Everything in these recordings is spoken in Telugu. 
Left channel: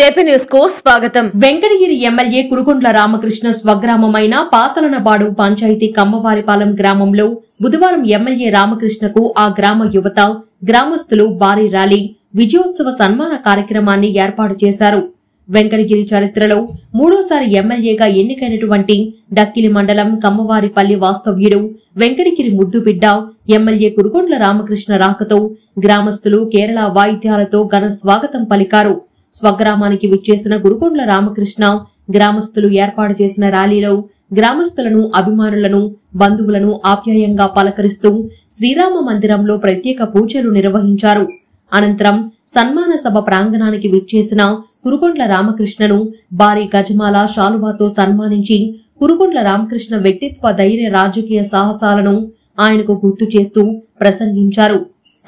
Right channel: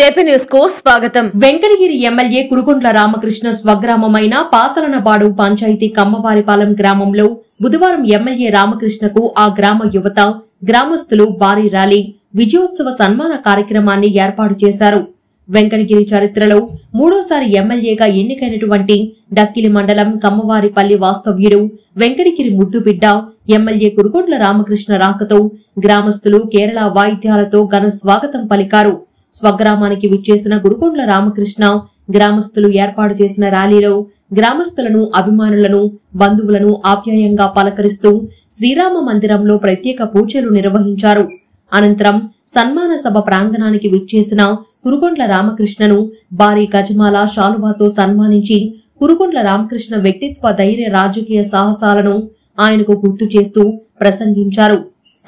జేపీ న్యూస్ కు స్వాగతం. వెంకటగిరి ఎమ్మెల్యే కురుగొండ్ల రామకృష్ణ స్వగ్రామమైన పాతలనబాడు పంచాయతీ కమ్మవారిపాలెం గ్రామంలో బుధవారం ఎమ్మెల్యే రామకృష్ణకు ఆ గ్రామ యువత, గ్రామస్తులు భారీ ర్యాలీ, విజయోత్సవ సన్మాన కార్యక్రమాన్ని ఏర్పాటు చేశారు. వెంకటగిరి చరిత్రలో మూడోసారి ఎమ్మెల్యేగా ఎన్నికైనటువంటి డక్కిలి మండలం కమ్మవారిపల్లి వాస్తవ్యుడు వెంకటగిరి ముద్దుబిడ్డ ఎమ్మెల్యే కురుగొండ్ల రామకృష్ణ రాకతో గ్రామస్తులు కేరళ వాయిద్యాలతో ఘన స్వాగతం పలికారు. స్వగ్రామానికి విచ్చేసిన కురుగొండ్ల రామకృష్ణ గ్రామస్తులు ఏర్పాటు చేసిన ర్యాలీలో గ్రామస్తులను, అభిమానులను, బంధువులను ఆప్యాయంగా పలకరిస్తూ శ్రీరామ మందిరంలో ప్రత్యేక పూజలు నిర్వహించారు. అనంతరం సన్మాన సభ ప్రాంగణానికి విచ్చేసిన కురుగొండ్ల రామకృష్ణను భారీ గజమాల, శాలువాతో సన్మానించి కురుగొండ్ల రామకృష్ణ వ్యక్తిత్వ, ధైర్య, రాజకీయ సాహసాలను ఆయనకు గుర్తు చేస్తూ ప్రసంగించారు.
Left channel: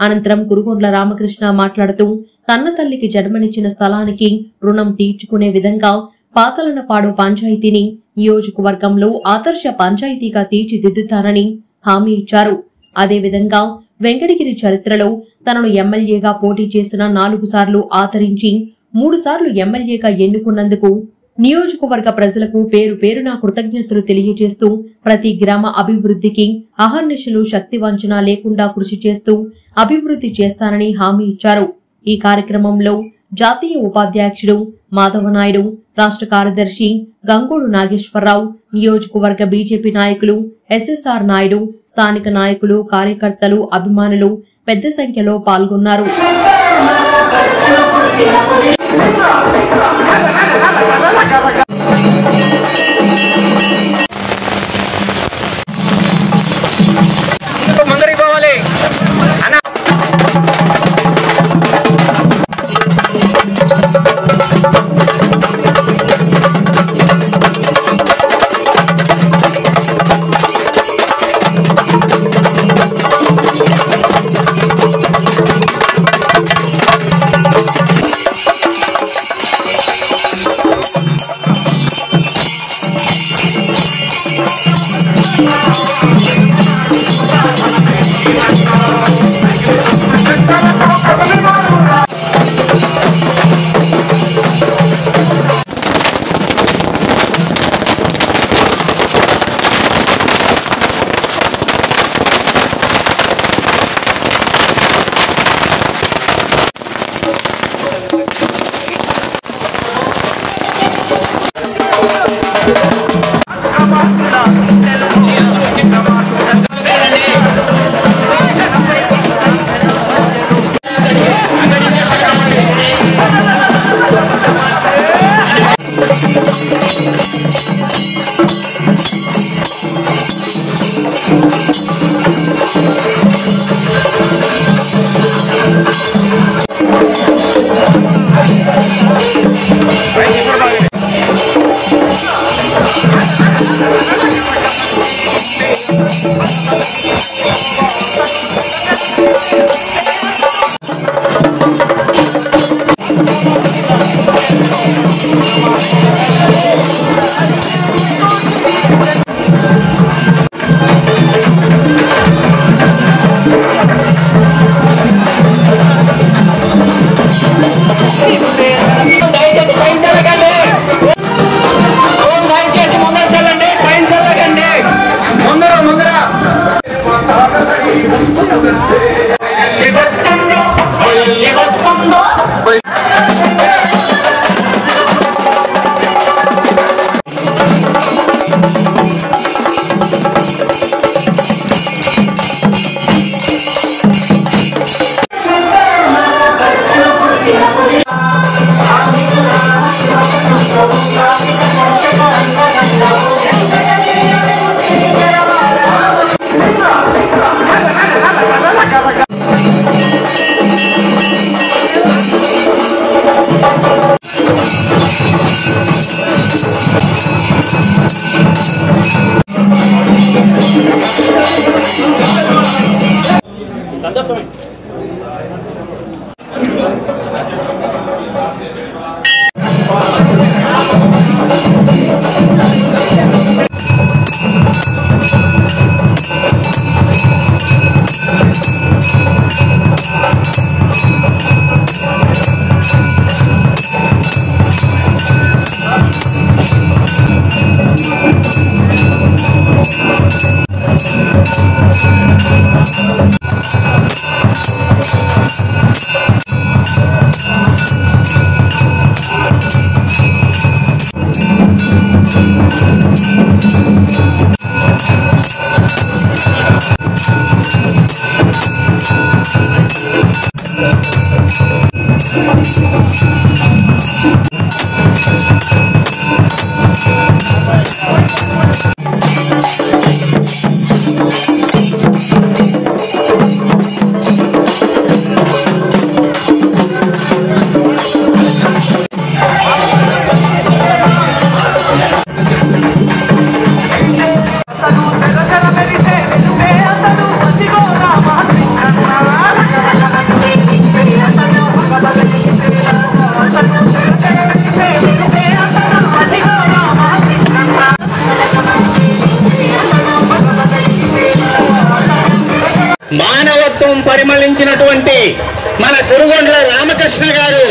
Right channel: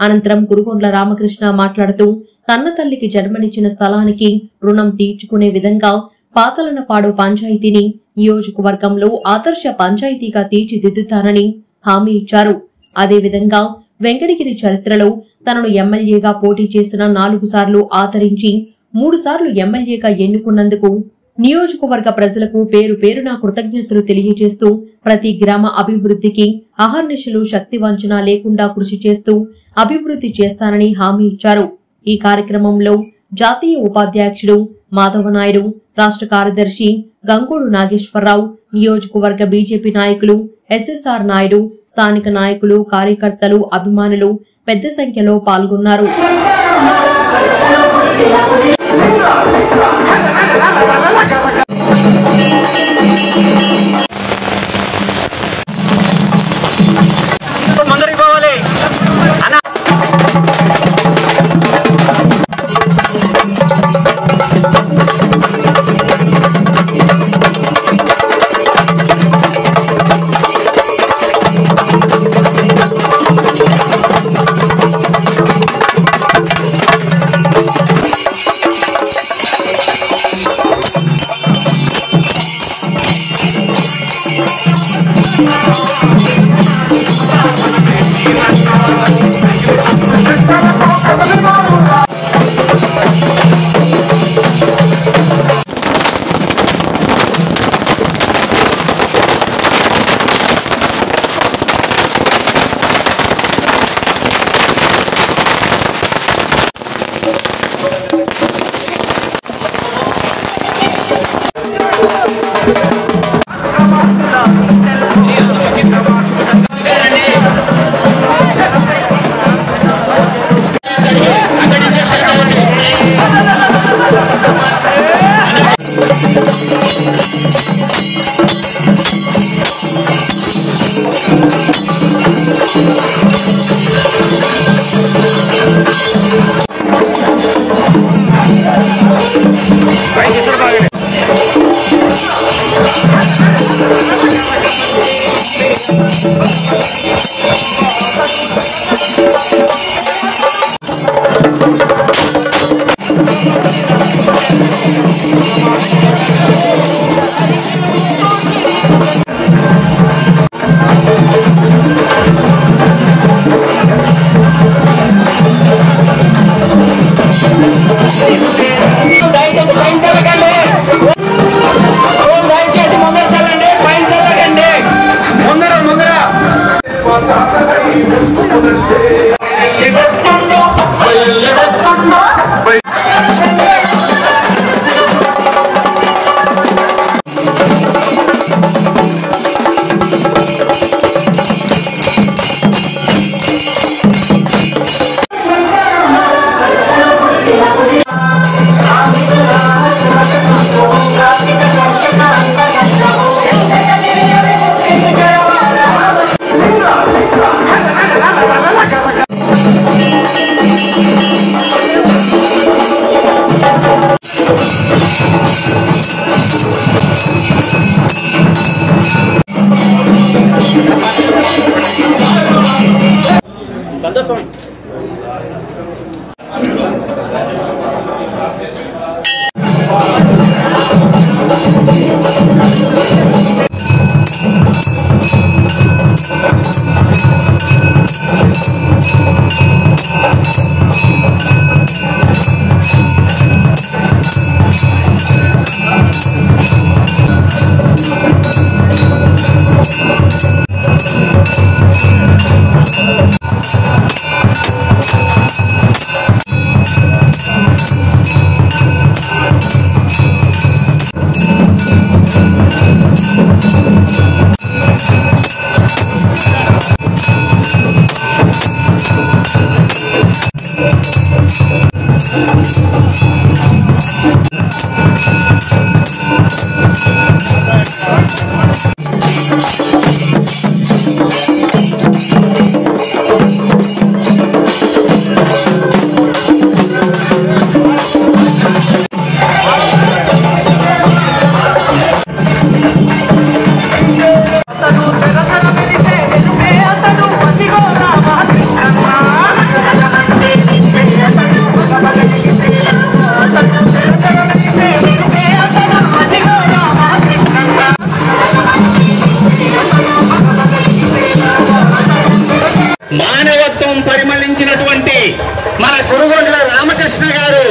అనంతరం కురుగొండ్ల రామకృష్ణ మాట్లాడుతూ తన్న తల్లికి జన్మనిచ్చిన స్థలానికి రుణం తీర్చుకునే విధంగా పాతలనపాడు పంచాయతీని నియోజకవర్గంలో ఆదర్శ పంచాయతీగా తీర్చిదిద్దుతానని హామీ ఇచ్చారు. అదేవిధంగా వెంకటగిరి చరిత్రలో తనను ఎమ్మెల్యేగా పోటీ చేసిన 4 సార్లు ఆదరించి 3 సార్లు ఎమ్మెల్యేగా ఎన్నుకున్నందుకు నియోజకవర్గ ప్రజలకు పేరు పేరున కృతజ్ఞతలు తెలియజేస్తూ ప్రతి గ్రామ అభివృద్ధికి అహర్నిశలు శక్తి వంచన లేకుండా కృషి చేస్తూ అభివృద్ధి చేస్తానని హామీ ఇచ్చారు. ఈ కార్యక్రమంలో జాతీయ ఉపాధ్యక్షుడు మాధవనాయుడు, రాష్ట్ర కార్యదర్శి గంగోడు నాగేశ్వరరావు, నియోజకవర్గ బీజేపీ నాయకులు ఎస్ఎస్ఆర్ నాయుడు, స్థానిక నాయకులు, కార్యకర్తలు, అభిమానులు పెద్ద సంఖ్యలో పాల్గొన్నారు. మానవత్వం పరిమళించినటువంటి మన కురుగొండ్ల రామకృష్ణ గారు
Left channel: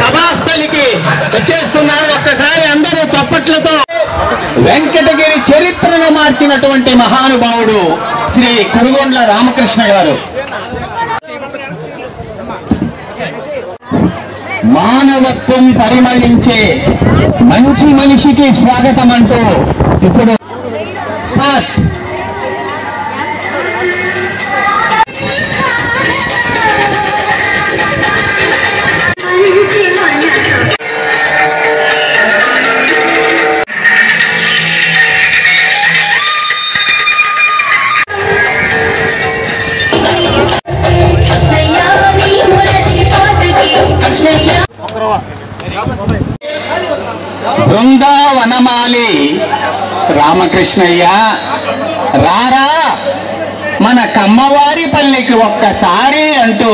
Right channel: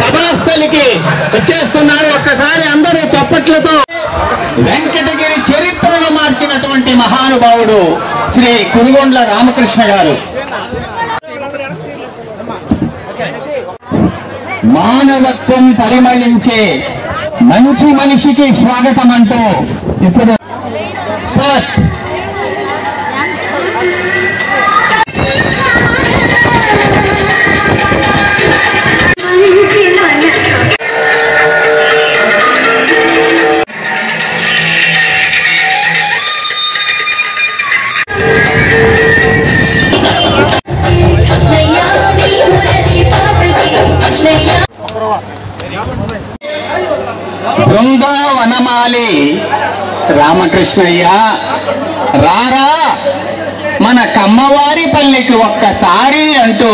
సభాస్థలికి వచ్చేస్తున్నారు. ఒక్కసారి అందరూ చప్పట్లతో వెంకటగిరి చరిత్రను మార్చినటువంటి మహానుభావుడు శ్రీ కురుగొండ్ల రామకృష్ణ గారు. మానవత్వం పరిమళించే మంచి మనిషికి స్వాగతం అంటూ ఇప్పుడు బృందావనమాలి రామకృష్ణయ్య రారా మన కమ్మవారి పల్లెకి ఒక్కసారి అంటూ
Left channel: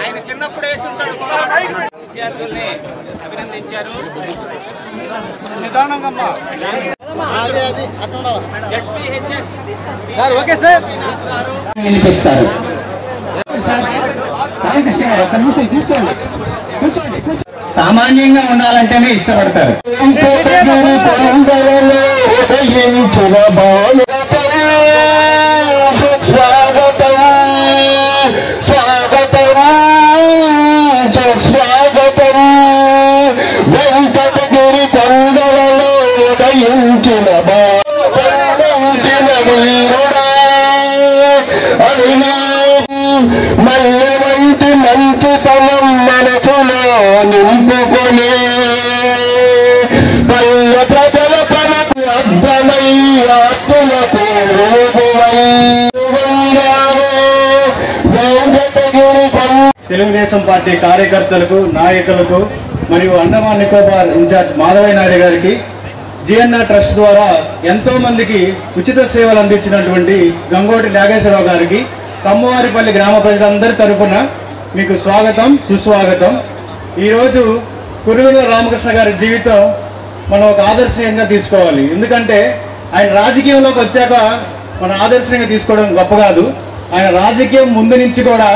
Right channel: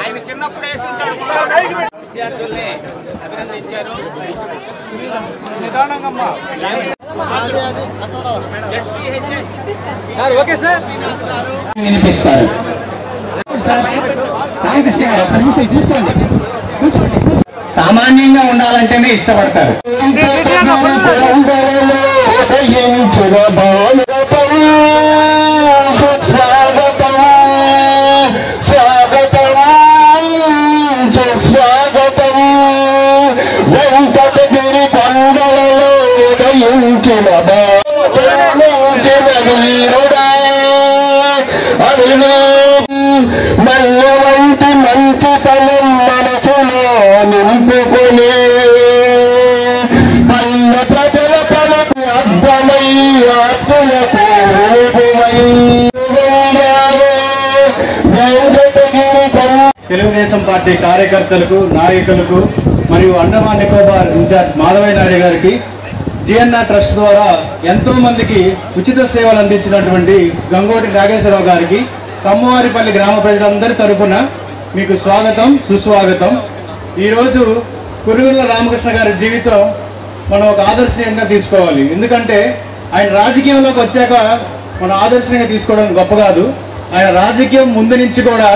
ఆయన చిన్నప్పుడే విద్యార్థుల్ని అభినందించారు. వినిపిస్తారు. సామాన్యంగా ఉండాలంటేనే ఇష్టపడతారు. వెంకటగిరి పండలలో ఉదయించిన మల్ల వంటి మంచుతనం మనసులో నింపుకుని పల్లె ప్రజల పనికి అర్థమై ఆత్మలకు తెలుగుదేశం పార్టీ కార్యకర్తలకు, నాయకులకు మరియు అండమాన్ నికోబార్ ఇన్ఛార్జ్ మాధవయ్య నాయుడు గారికి జిఎన్ఆర్ ట్రస్ట్ ద్వారా ఎంతో మందికి ఉచిత సేవలు అందించినటువంటి గంగోటి నాగేశ్వరరావు గారికి కమ్మవారిపల్లి గ్రామ ప్రజలందరి తరపున మీకు స్వాగతం, సుస్వాగతం. ఈరోజు కురుగొండ్ల రామకృష్ణ గారి జీవితం మనం ఒక ఆదర్శనీయంగా తీసుకోవాలి. ఎందుకంటే ఆయన రాజకీయంలోకి వచ్చాక మనం ఆదర్శనీయంగా తీసుకోవడం గొప్ప కాదు. ఆయన రాజకీయం ముందు నుంచి కూడా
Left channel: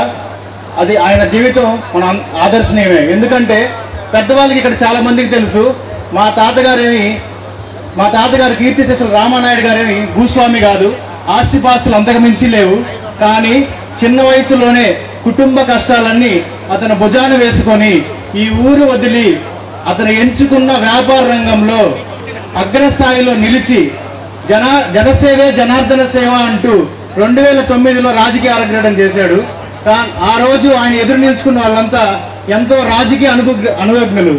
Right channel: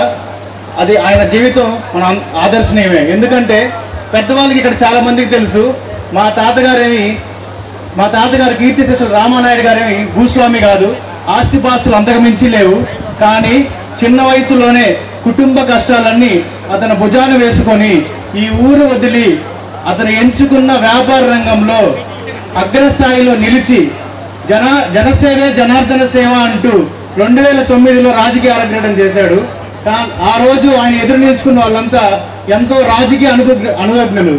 అది ఆయన జీవితం మన ఆదర్శనీయమే. ఎందుకంటే పెద్దవాళ్ళకి ఇక్కడ చాలా మందికి తెలుసు, మా తాతగారు కీర్తిశేషులు రామానాయుడు గారేమి భూస్వామి కాదు, ఆస్తిపాస్తులు అంతకు మించి లేవు. కానీ చిన్న వయసులోనే కుటుంబ కష్టాలన్నీ అతను భుజాన వేసుకొని ఈ ఊరు వదిలి అతను ఎంచుకున్న వ్యాపార రంగంలో అగ్రస్థాయిలో నిలిచి జనసేవే జనార్దన సేవ అంటూ 2009లో రాజకీయ అరంగేట్రం చేశాడు. ఆ రోజు ఆయన ఎదురు నిలుచుకున్న వాళ్ళంతా ఎంతో రాజకీయ అనుభవజ్ఞులు,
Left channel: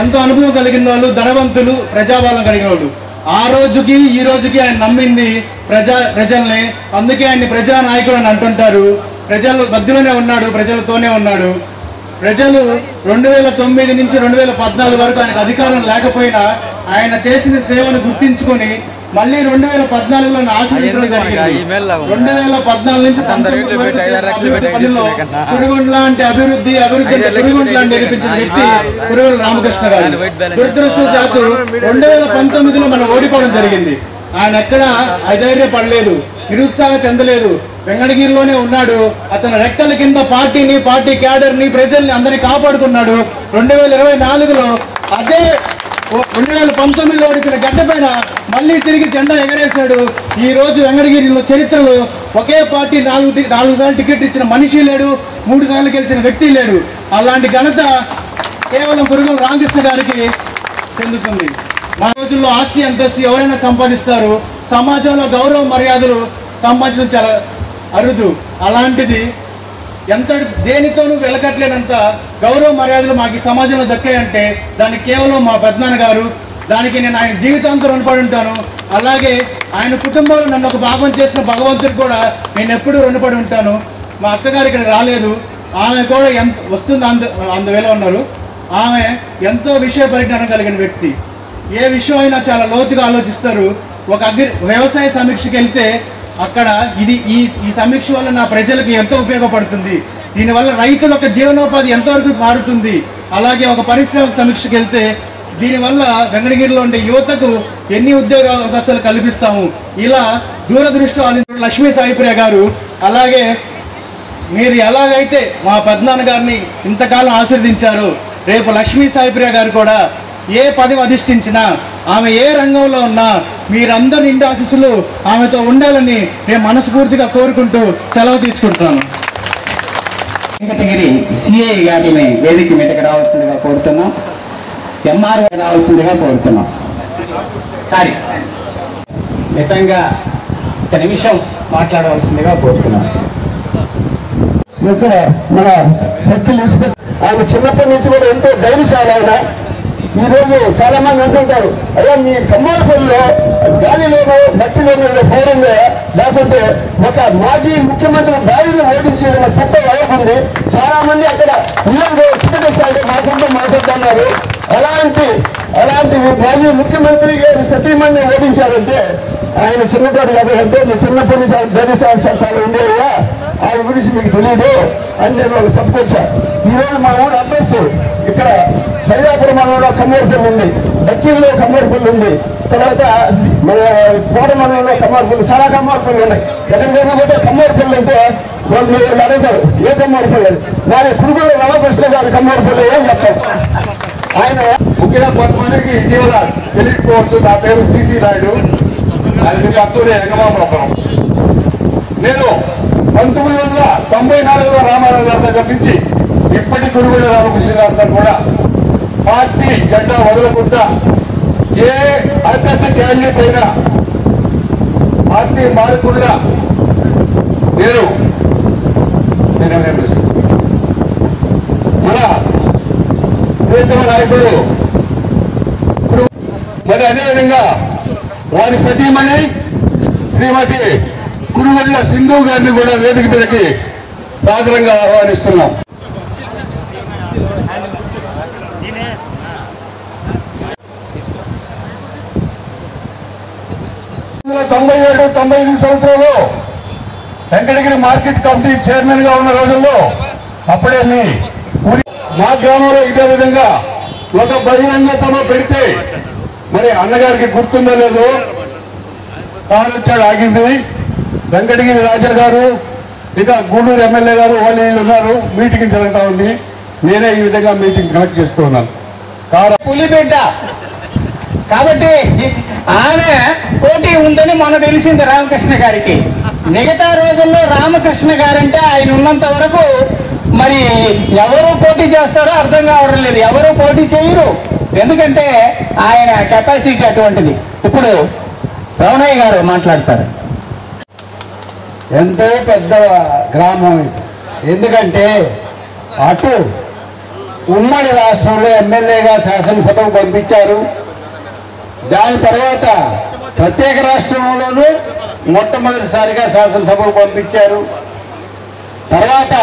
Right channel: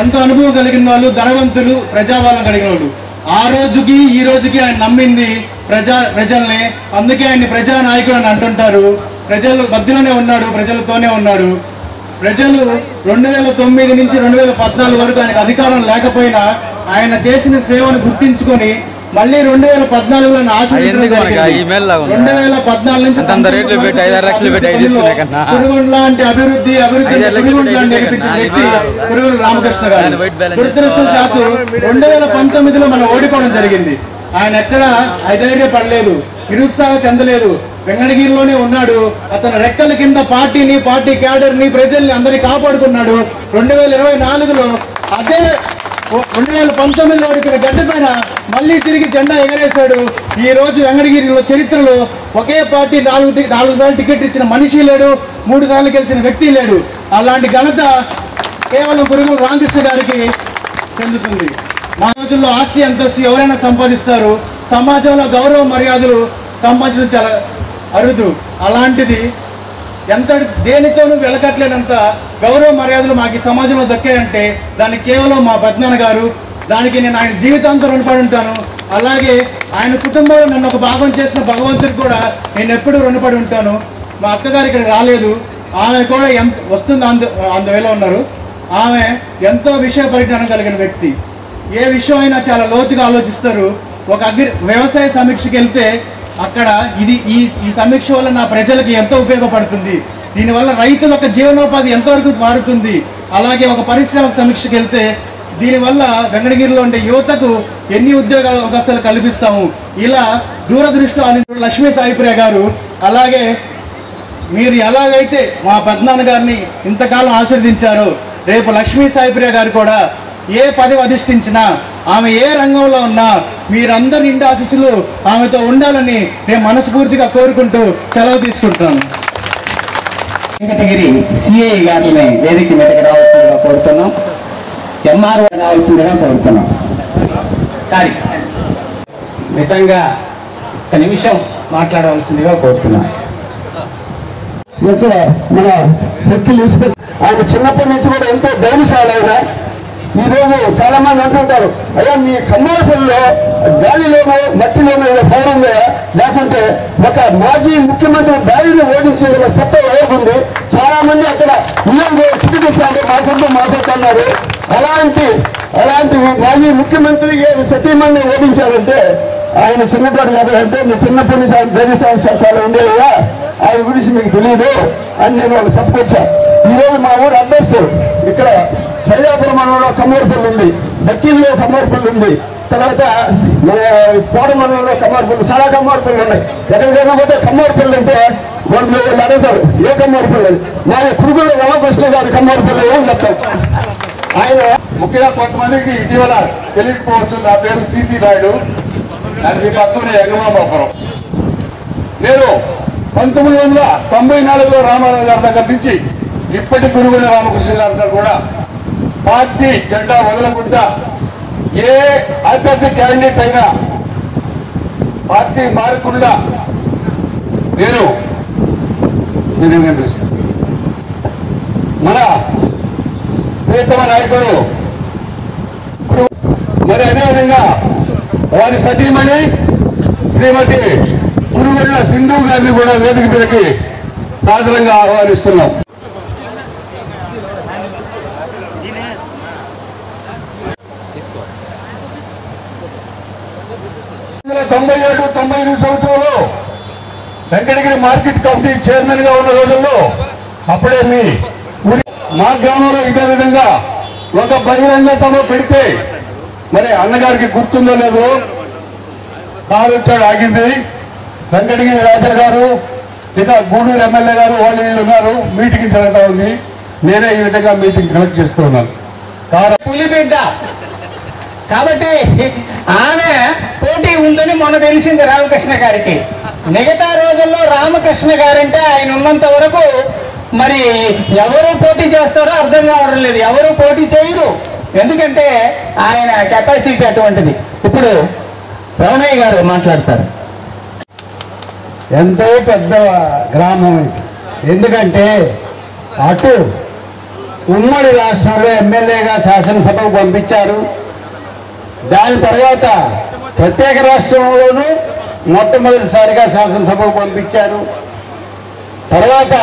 ఎంతో అనుభవం కలిగిన వాళ్ళు, ధనవంతులు, ప్రజాబలం కలిగిన వాళ్ళు. ఆ రోజుకి ఈ రోజుకి ఆయన నమ్మింది ప్రజల్ని. అందుకే ఆయన్ని ప్రజానాయకుడు అని అంటుంటారు. ప్రజల మధ్యలోనే ఉన్నాడు, ప్రజలతోనే ఉన్నాడు. ప్రజలు 2009 నుంచి 2014 వరకు ఆయనకు అధికారం లేకపోయినా ఆయన చేసిన సేవను గుర్తించుకొని మళ్ళీ 2014లో ఆశీర్వదించడం జరిగింది. 2014 నుంచి కురుగొండ్ల లాంటి అభివృద్ధి కురుగొండ్ల నిరూపించిన వ్యక్తి కురుగొండ్ల రామకృష్ణ గారు. దురదృష్టవశాత్తు 2019లో మనం ఓడిపోవడం జరిగింది. ఆయన ఎక్కడ అధైర్యపడలేదు, నిరుత్సాహ చెందలేదు, వెంకటగిరిలోనే ఉన్నాడు. అతని రెక్కల కింద పార్టీని, పార్టీ క్యాడర్ని, ప్రజల్ని అందరినీ కాపాడుకున్నాడు. 2024లో అదే 2019లో ఓడిపోయిన గడ్డ పైన మళ్ళీ తిరిగి జెండా ఎగరేశాడు. ఈ రోజు వెంకటగిరిలో చరిత్రలో ఒకే పార్టీ 4 సార్లు టికెట్ ఇచ్చిన మనిషి లేడు, 3 సార్లు గెలిచిన వ్యక్తి లేడు. అలాంటి ఘనత కేవలం కురుగొండ్ల రామకృష్ణ గారికి చెందుతుంది. నా రోజుల్లో ఆస్తి అంతస్తు ఎవరైనా సంపాదిస్తారు, సమాజంలో గౌరవ మర్యాదలు సంపాదించడం చాలా అరుదు. అలాంటిది ఎంత దేనితోనూ వెలకట్లేనంత గౌరవ మర్యాదలు మాకు ఈ సమాజంలో దక్కాయంటే దానికి కేవలం మా పెద్దనాన్న గారు. దానికి నేను ఆయన జీవితాంతం రుణపడి ఉంటాను. అలాగే ఆయన కుటుంబంలో నన్ను ఒక భాగం చేసిన భగవంతుడికి కూడా నేను ఎప్పుడూ రుణపడి ఉంటాను. మా అక్కగారు ఇక్కడ రాలేదు, ఆమె కూడా వస్తుంది అందువేళ ఉన్నారు. ఆమె ఎంతో విషయ పరిజ్ఞానం కలిగిన వ్యక్తి. ఏ విషయం అయినా చాలా లోతుగా ఆలోచిస్తారు. ఒక వ్యవసాయ సమీక్షకి వెళ్తే అక్కడ ఈ సమీక్ష వల్ల నా ప్రజలకు ఎంతో ఉపయోగపడుతుంది, దీనివల్ల రైతుల యొక్క జీవనోపాధి ఎంతవరకు మారుతుంది, అలాగే ఒక పరిశ్రమ సమీక్షకి వెళ్తే దీనివల్ల వెంకటగిరిలో ఉండే యువతకు ఎన్ని ఉద్యోగ అవకాశాలు కల్పిస్తాము, ఇలా దూరదృష్టి లక్ష్మీ సాయిప్రియ గారు. అలాగే మీరు ఎలాగైతే మా పెద్దనాన్న గారిని ఇంతకాలం ఆశీర్వదించారో రేపు లక్ష్మీ సాయిప్రియ గారు కూడా ఏ పదవి అధిష్ఠించినా ఆమె ఏ రంగంలో ఉన్నా మీరందరి నిండు ఆశీస్సులు ఆమెతో ఉండాలని నేను మనస్ఫూర్తిగా కోరుకుంటూ సెలవు తీసుకుంటున్నాను. వెంకటగిరి సిఐ గారిని వేదిక మీదకి రావాల్సిందిగా కోరుతున్నాం. ఎంఆర్ఓ రావాల్సిందిగా కోరుతున్నాం. సారీ మితంగా ఒక నిమిషం మాట్లాడవలసిందిగా కోరుతున్నాం. ఇక్కడ మన సర్కిల్ ఇన్స్పెక్టర్ ఆయన చిన్నప్పటి నుంచి కూడా ఎంతో ధైర్యశాలి. ఆయన ఈ రోజు చాలా మంది అంటుంటారు, అయ్యో మీ కమ్మాలపల్లిలో గాలిలోనో మట్టిలోనో పౌరంలో లేకుంటే ఒక మాజీ ముఖ్యమంత్రి బాయిని ఓడించే సత్తా ఎవరుంది, చాలా మంది అక్కడ కిటికీస్తాంటే మాకుంటూ మాట్లాడుతున్నారు. అలాంటి మాజీ ముఖ్యమంత్రి గారు సతీమణ్ణి ఓడించారంటే ఆయన చిన్నపాడు కాదు అంటే మీ చిన్నప్పటి నుంచి ఆయన ధైర్యశాలి ఉండేవా, ఆయన గురించి మీకు తెలియదు అని నేను వాళ్ళు చెప్పుకొచ్చా. ఈరోజు మా ఊరు అడ్రస్ ఇక్కడ సయ్యాపురం మండలంలో కమ్మూరుపల్లి ఉంది, బక్కీలో కమ్మూరుపల్లి ఉంది, తర్వాత మన కోట మండలంలో కమ్మూరుపల్లి, చాలా కమ్మూరుపల్లి ఉన్నాయి. ఎక్కడికైనా పోతే కమ్మూరుపల్లి అంటే వాళ్ళు అడుగుతారు ఏ కమ్మూరుపల్లి, మా పురుగుల రామకృష్ణ గారి కమ్మూరుపల్లి ఏం చెప్తారు. ఆయన ముఖ్యంగా కొంతమందికి ఇటీవల తెలియకపోవచ్చు, నా పేరు సిసి నాయుడు, అది మీకు వస్తూనే ఎగమామోకరం. నేను 1994లో రామారావు గారి దగ్గర నుంచి ఇప్పటి కురుగుల రామకృష్ణ గారితో కూడా పార్టీ జెండా వదలకుండా ఏ అభ్యర్థి క్యాండిడేట్ అయినా పార్టీ మారకుండా నేనేం పిలుస్తాను. మన ప్రియతమ నాయకుడు మరి అదేవిధంగా వారి సతీమణి శ్రీమతి కురుగొండ్ల సింధు గారిని కూడా వేదిక మీదకి సాదరంగా ఆహ్వానిస్తున్నాం. తొంభై 98 సంవత్సరంలో వెంకటగిరి మార్కెట్ కమిటీ చైర్మన్ గా ఉన్న రోజుల్లో అప్పుడే మా గ్రామంలో ఇదే విధంగా ఒక బహిరంగ సభ పెడితే మరి అన్నగారికి గుర్తుందో లేదో కారు వచ్చాడు ఆగింది. వెంకటగిరి రాజా గారు ఇక గూడూరు ఎమ్మెల్యే గారు ఓనీళ్ళు ఉన్నారు, మీటింగ్ జరుగుతా ఉంది. నేనే ఈ విధంగా మీటింగ్ కనెక్ట్ చేస్తున్నాను. పులిబిడ్డ కాబట్టి ఆమె పోటీ ఉందని మొన్న తెలిసింది రామకృష్ణ గారికి. మిగతా రోజుల్లో రామకృష్ణ గారంటే ఆయన ఉన్నంత వరకు మరి ఎవరు పోటీ చేస్తారో అర్థం కావడం లేదు, ఎవరు పోటీ చేయరు. ఎందుకంటే ఆయన కెపాసిటీ అటువంటిది. ఇప్పుడు రమణయ్య గారు మాట్లాడతారు. ఎంతో పెద్ద గ్రామం, ఎందుకంటే అటు ఉమ్మడి రాష్ట్రంలో ఎమ్మెల్యేగా శాసనసభకు పంపించారు. దాని తర్వాత ప్రత్యేక రాష్ట్రంలోనూ మొట్టమొదటిసారిగా శాసనసభకు పంపించారు. తర్వాత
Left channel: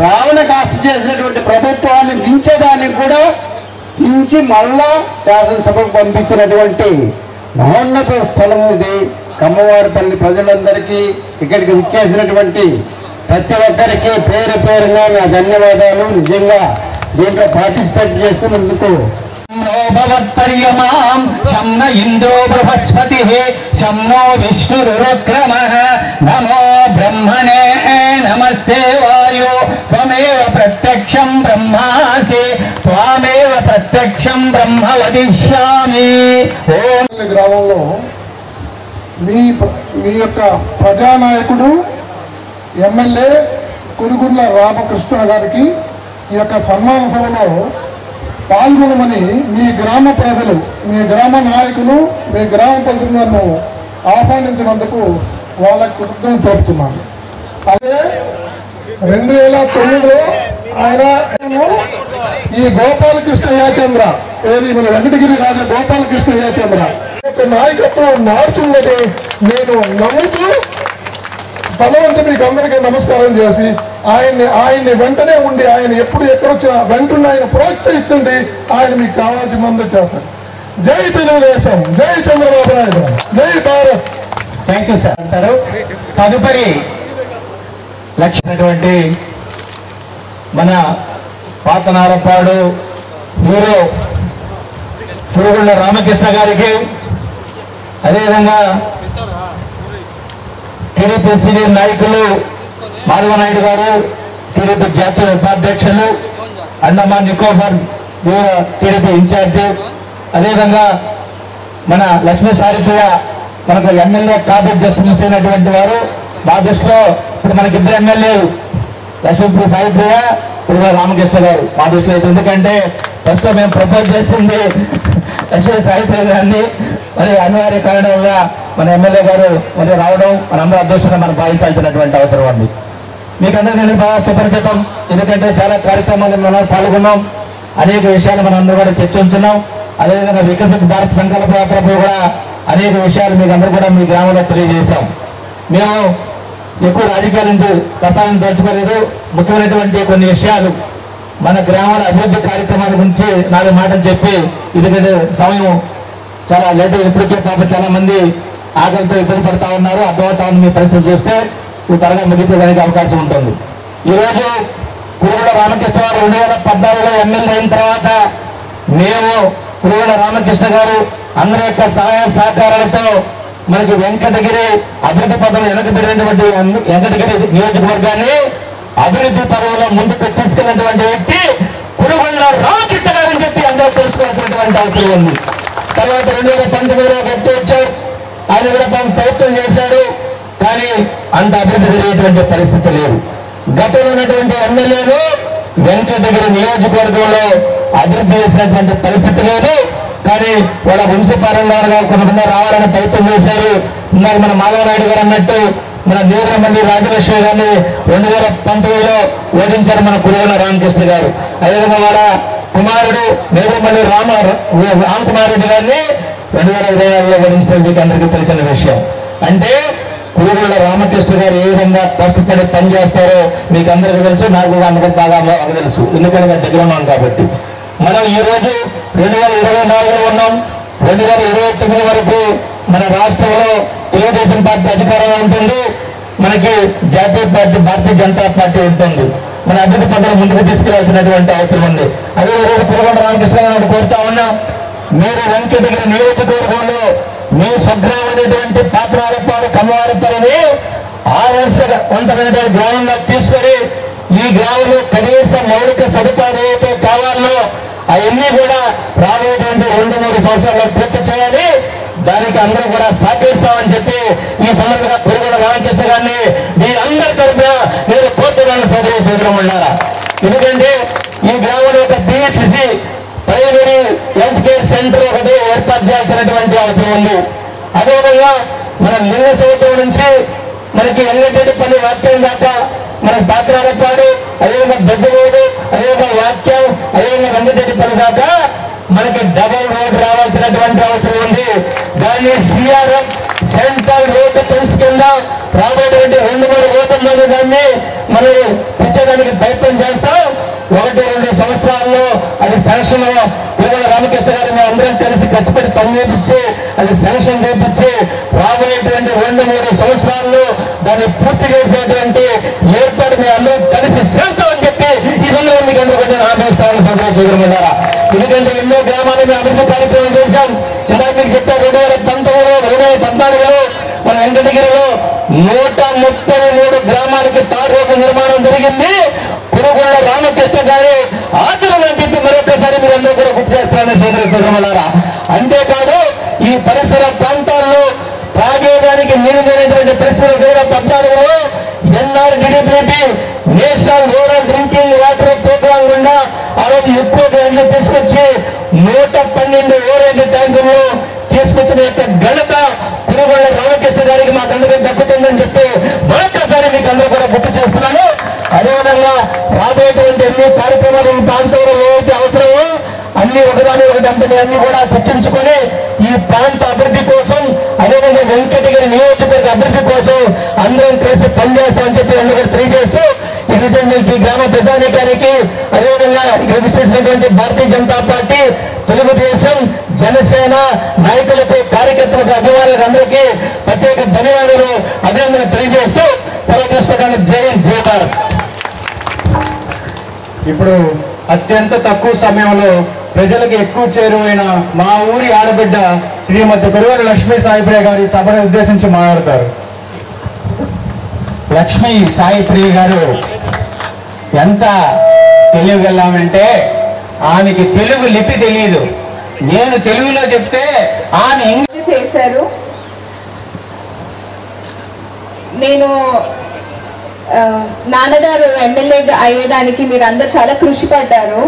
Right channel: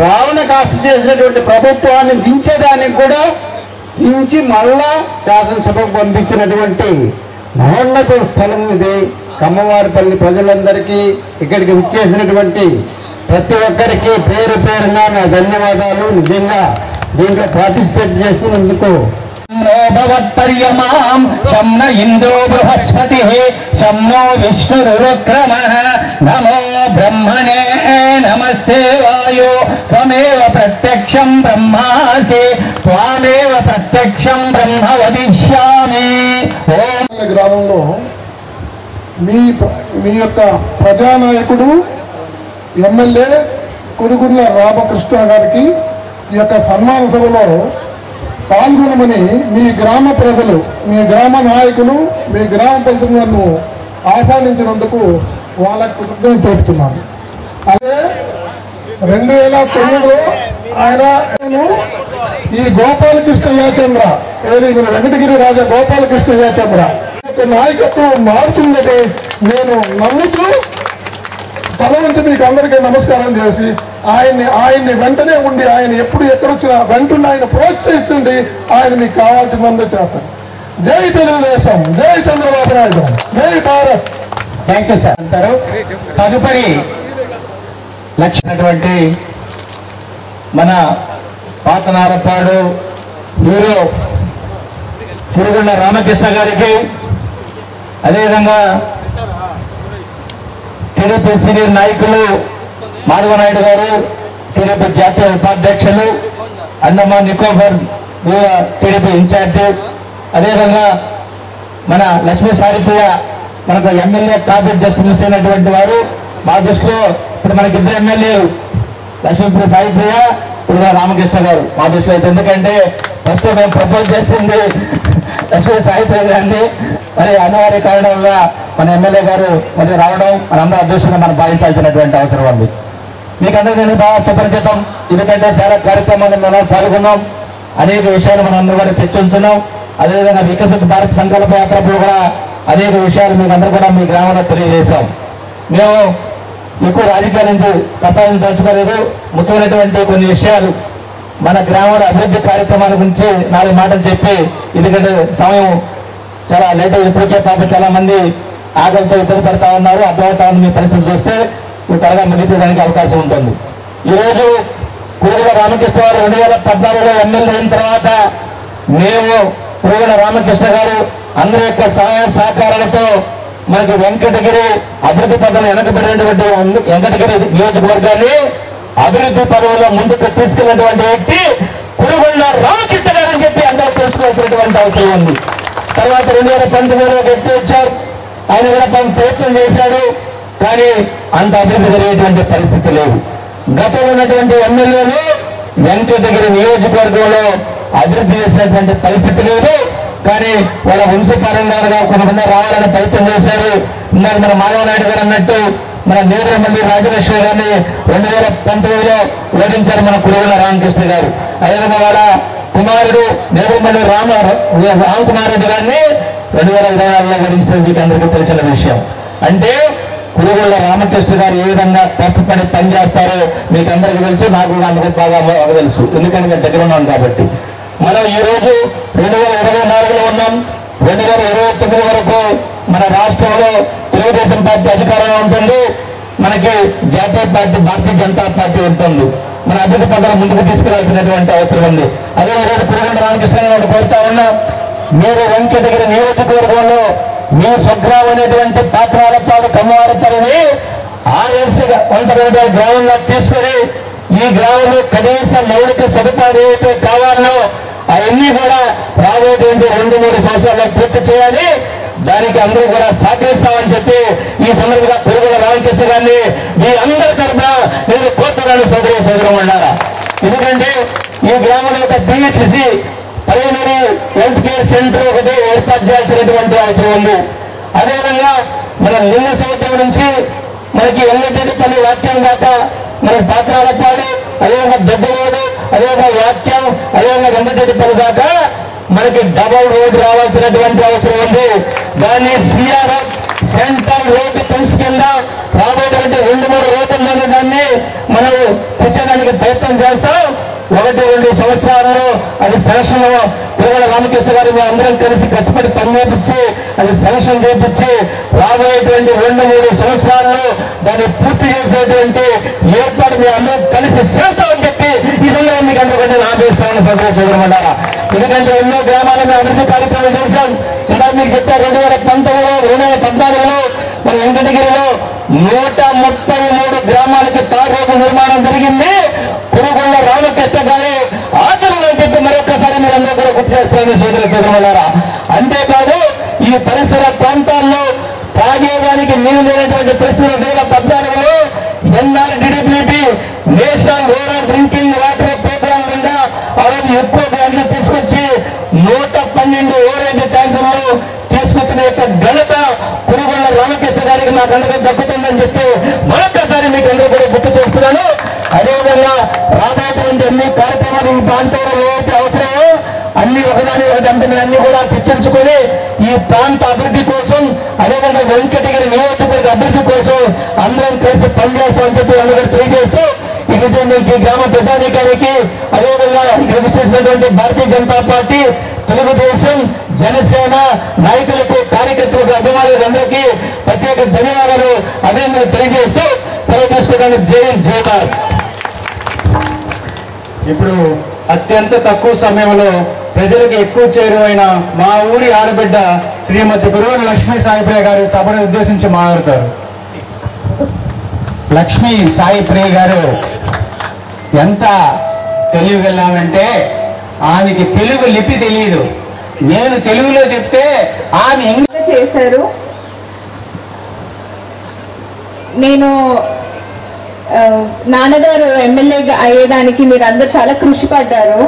రావణ కాస్త చేసినటువంటి ప్రభుత్వాన్ని దించేదానికి కూడా దించి మళ్ళా శాసనసభకు పంపించినటువంటి మహోన్నత స్థలం ఇది. కమ్మవారిపల్లి ప్రజలందరికీ, ఇక్కడికి విచ్చేసినటువంటి ప్రతి ఒక్కరికి పేరు పేరున నా ధన్యవాదాలు. నిజంగా దీంట్లో పార్టిసిపేట్ చేస్తున్నందుకు. భగవత్పర్యమాం శమ్న ఇందో బృహస్పతి శమ్నో విష్ణురుక్రమః నమో బ్రహ్మణే నమస్తే వాయో త్వమేవ ప్రత్యక్షం బ్రహ్మాసి త్వామేవ ప్రత్యక్షం బ్రహ్మ వదిష్యామి. గ్రామంలో మీ యొక్క ప్రజానాయకుడు ఎమ్మెల్యే కురుగుండ్ల రామకృష్ణ గారికి ఈ యొక్క సన్మాన సభలో పాల్గొనమని మీ గ్రామ ప్రజలు, మీ గ్రామ నాయకులు, మీ గ్రామ ప్రజలు నన్ను ఆహ్వానించినందుకు వాళ్ళకు కృతజ్ఞతలు తెలుపుతున్నాను. అదే 2009లో ఆయన ఈ గోపాలకృష్ణ యాచంద్ర మన వెంకటగిరి రాజా గోపాలకృష్ణ యాచంద్ర నాయకత్వం మార్చుందని నేను నమ్ముతూ తల నుంచి మీకు అందరికీ నమస్కారం చేసి ఆయన్ని వెంటనే ఉండి ఆయన ఎప్పుడు ఎక్కడొచ్చినా వెంటనే ఆయన ప్రోత్సహించండి. ఆయన మీకు కావాల్సిన మంది చేస్తారు. జై తెలుగుదేశం, జై చంద్రబాబు నాయుడు, జై భారత్. థ్యాంక్ యూ సార్ అంటారు. తదుపరి లక్ష్యమైనటువంటి మన పాతనారపాడు హీరో పురుగుళ్ళ రామకృష్ణ గారికి, అదేవిధంగా టీడీపీ సీనియర్ నాయకులు మాధవనాయుడు గారు, టీడీపీ జాతీయ ఉపాధ్యక్షులు, అండమాన్ నికోబార్ టీడీపీ ఇన్ఛార్జి, అదేవిధంగా మన లక్ష్మీ సారిప్రియ మనకు ఎమ్మెల్యే కాబట్టి జస్ట్ మిస్ అయినటువంటి వారు. మా దృష్టిలో ఇప్పుడు మనకి ఇద్దరు ఎమ్మెల్యేలు, లక్ష్మీ సారిప్రియ, ఇప్పుడు రామకృష్ణ గారు మా దృష్టిలో. ఎందుకంటే ఫస్ట్ మేము ప్రపోజ్ చేసింది లక్ష్మీ సారిప్రియ గారిని, మరి అనివార్య కారణంగా మన ఎమ్మెల్యే గారు మరి రావడం మనందరూ అదృష్టంగా మనం భావించాల్సినటువంటి అవసరం ఉంది. మీకందరికీ నేను బాగా సుపరిచితం, ఎందుకంటే చాలా కార్యక్రమాలు మనం పాల్గొన్నాం, అనేక విషయాలు మనం అందరూ కూడా చర్చించున్నాం. అదేవిధంగా వికసిత భారత్ సంకల్ప యాత్రలో కూడా అనేక విషయాలు మీకు అందరూ కూడా మీ గ్రామంలో తెలియజేశాం. మేము ఎక్కువ రాజకీయాల నుంచి ప్రస్తావించదలుచుకోలేదు. ముఖ్యమైనటువంటి కొన్ని విషయాలు మన గ్రామంలో అభివృద్ధి కార్యక్రమాల గురించి 4 మాటలు చెప్పి, ఎందుకంటే సమయం చాలా లేట్ అయింది ఇప్పటికే. పాప చాలా మంది ఆకలితో ఇబ్బంది పడతా ఉన్నారు. అర్థమవుతా ఉంది మీ పరిస్థితి చూస్తే ఇది త్వరగా ముగించడానికి అవకాశం ఉంటుంది. ఈరోజు పురుగుల రామకృష్ణ గారు 2014లో ఎమ్మెల్యే అయిన తర్వాత మేము పురుగుల రామకృష్ణ గారు అందరి యొక్క సహాయ సహకారాలతో మనకి వెంకటగిరి అభివృద్ధి పదవి వెనకబడినటువంటి వెంకటగిరి నియోజకవర్గాన్ని అభివృద్ధి పదవిలో ముందుకు తీసుకున్నటువంటి వ్యక్తి పురుగుల రామకృష్ణ గారు అని చెప్పి అందరూ తెలుసుకోవాల్సినటువంటి అవసరం ఉంది. తర్వాత 2019లో వ్యక్తి వచ్చారు, ఆయన కూడా ప్రయత్నం చేశాడు, కానీ అంత అభివృద్ధి జరిగేటువంటి పరిస్థితి లేదు. గతంలో ఉన్నటువంటి ఎమ్మెల్యేలు వెంకటగిరి నియోజకవర్గంలో అభివృద్ధి చేసినటువంటి పరిస్థితి లేదు. కానీ వాళ్ళ వంశపారంగా కొంతమంది రావాలని ప్రయత్నం చేశారు. ఇందాక మన మాధవనాయుడు గారు అన్నట్టు మన నీలమండి రాజలక్ష్మి గారిని 2019లో ఓడించారు మన పురుగుల రామకృష్ణ గారు. అదేవిధంగా వాళ్ళ కుమారుడు నీలమండి రామకుమార్ రెడ్డి గారిని 2026లో ఓడించడం మీకు అందరికీ తెలిసిన విషయం. అంటే పురుగుల రామకృష్ణ గారు ఏ విధంగా కష్టపడి పనిచేస్తారో మీకు అందరికీ తెలుసు, నాకు కూడా అందరికీ బాగా తెలుసు, ఎందుకంటే మేము దగ్గర ఉన్నాం కాబట్టి. మనం ఈ రోజు 2024లో ఉన్నాం. 2029 వరకు మన రాష్ట్రంలో తెలుగుదేశం పార్టీ అధికారంలో ఉంటుంది, మనకి జాతీయ పార్టీ భారతీయ జనతా పార్టీ ఉంటుంది. మన అభివృద్ధి పథకం ముందుకు తీసుకెళ్లాల్సినటువంటి అవసరం ఉంది. అదే ఈరోజు పురుగుల రామకృష్ణ గారిని కోరుతా ఉన్నాం, మీరు వెంకటగిరి నియోజకవర్గంలో మీ స్వగ్రామం అనేటువంటి పాత్రాలపాడు కమ్మవారపల్లిని ఆదర్శగా కొంతమంది గ్రామంగా తీసుకొని ఈ గ్రామంలో కనీస మౌలిక సదుపాయాలు ఏవైతే కావాలో అవన్నీ కూడా రాబోయేటువంటి 2-3 సంవత్సరాల్లో పూర్తి చేయాలి. దానికి అందరూ కూడా సహకరిస్తామని చెప్పి ఈ సందర్భంగా పురుగుల రామకృష్ణ గారిని మీ అందరి తరఫున నేను కోరుతున్నాను సోదరులారా. ఎందుకంటే ఈ గ్రామంలో ఒక BHC primary health care centre ఒకటి ఏర్పాటు చేయాల్సినటువంటి అవసరం ఉంది. అదేవిధంగా మన లింగ సౌత్రం నుంచి మనకి ఎల్లటెడ్డిపల్లి వాక్యం దాకా మనకి పాత్రాలపాడు, అదేవిధంగా దొడ్డరోడు, అదేవిధంగా వాక్యం, అదేవిధంగా వెంకటెడ్డిపల్లి దాకా మనకి డబల్ రోడ్ రావాల్సినటువంటి అవసరం ఉంది. దాన్ని CRM సెంట్రల్ రోడ్డు ఫండ్స్ కింద రాబోయేటువంటి 2-3 రోజుల మీద దాన్ని మనం తెచ్చడానికి ప్రయత్నం చేస్తాం. 1-2 సంవత్సరాల్లో అది శాంక్షన్ పురుగుల రామకృష్ణ గారు మేము అందరం కలిసి కష్టపడి పని చేపించి అది శాంక్షన్ చేపించి రాబోయేటువంటి 2-3 సంవత్సరాల్లో దాన్ని పూర్తి చేసేటువంటి ఏర్పాటు మేము అందరం కలిసి చేస్తామని చెప్పి ఈ సందర్భంగా మీకు అందరికీ ఆహ్వానిస్తామని సోదరులారా. ఎందుకంటే ఎన్నో గ్రామాలను మేము అభివృద్ధి కార్యక్రమం చేశాం. ఇందాక మీకు చెప్పారు 2019లో 2014లో మన వెంకటగిరిలో 133 గ్రామాలకి తాగు రోడ్డు నిర్మాణం జరిగింది. పురుగుల రామకృష్ణ గారి ఆచరణ చెప్పి మరొకసారి మీరు అందరూ కూడా గుర్తు చేస్తారని సోదరులారా. అంతేకాదు ఈ పరిసర ప్రాంతాల్లో తాగేదానికి నీళ్ళైనటువంటి పరిస్థితులు 2014లో NRDDP national rural drinking water programme గుండా ఆ రోజు ఎక్కువ గ్రాంట్లు తీసుకొచ్చి 112 ఓరేజ్ ట్యాంకుల్లో తీసుకొచ్చిన యొక్క ఘనత పురుగుల రామకృష్ణ గారికి మాకు అందరికీ దక్కుతుందని చెప్పి మరొకసారి మీకు అందరూ కూడా గుర్తు చేస్తున్నాను. అదేవిధంగా రాబోయేటువంటి అన్ని కార్యక్రమాలు ఈ ప్రాంతంలో ఏవైతే అవసరమో అన్ని ఒకదాని ఒకటి అన్ని కూడా చర్చించుకొని ఈ ప్రాంత అభివృద్ధి కోసం, అదేవిధంగా వెంకటగిరి నియోజకవర్గ అభివృద్ధి కోసం అందరం కలిసి పనిచేస్తామని చెప్పి అందరూ తెలియజేస్తూ ఈ గ్రామ ప్రజానీకానికి, అదేవిధంగా ఇక్కడ చేసినటువంటి భారతీయ జనతా పార్టీ, తెలుగుదేశం, జనసేన నాయకులకు, కార్యకర్తలకు, అభిమానులందరికీ ప్రత్యేక ధన్యవాదాలు, అభినందనలు తెలియజేస్తూ సెలవు తీసుకోవడానికి జయమార్. ఇప్పుడు అత్యంత తక్కువ సమయంలో ప్రజలకు ఎక్కువ చేరువైన మా ఊరి ఆడబిడ్డ శ్రీమతి కురుగొండ్ల లక్ష్మీ సాయిప్రియ గారి సభను ఉద్దేశించి మాట్లాడతారు. లక్ష్మీ సాయిప్రియ గారు ఎంత తెలియగలామంటే ఆమెకి తెలుగు లిపి తెలియదు. నేను తెలుగులో చెప్తే ఆమె చేశారు. నేను నాన్నగారు ఎమ్మెల్యే అయ్యేదానికి మీరు అందరు చాలా కృషి పడ్డారు.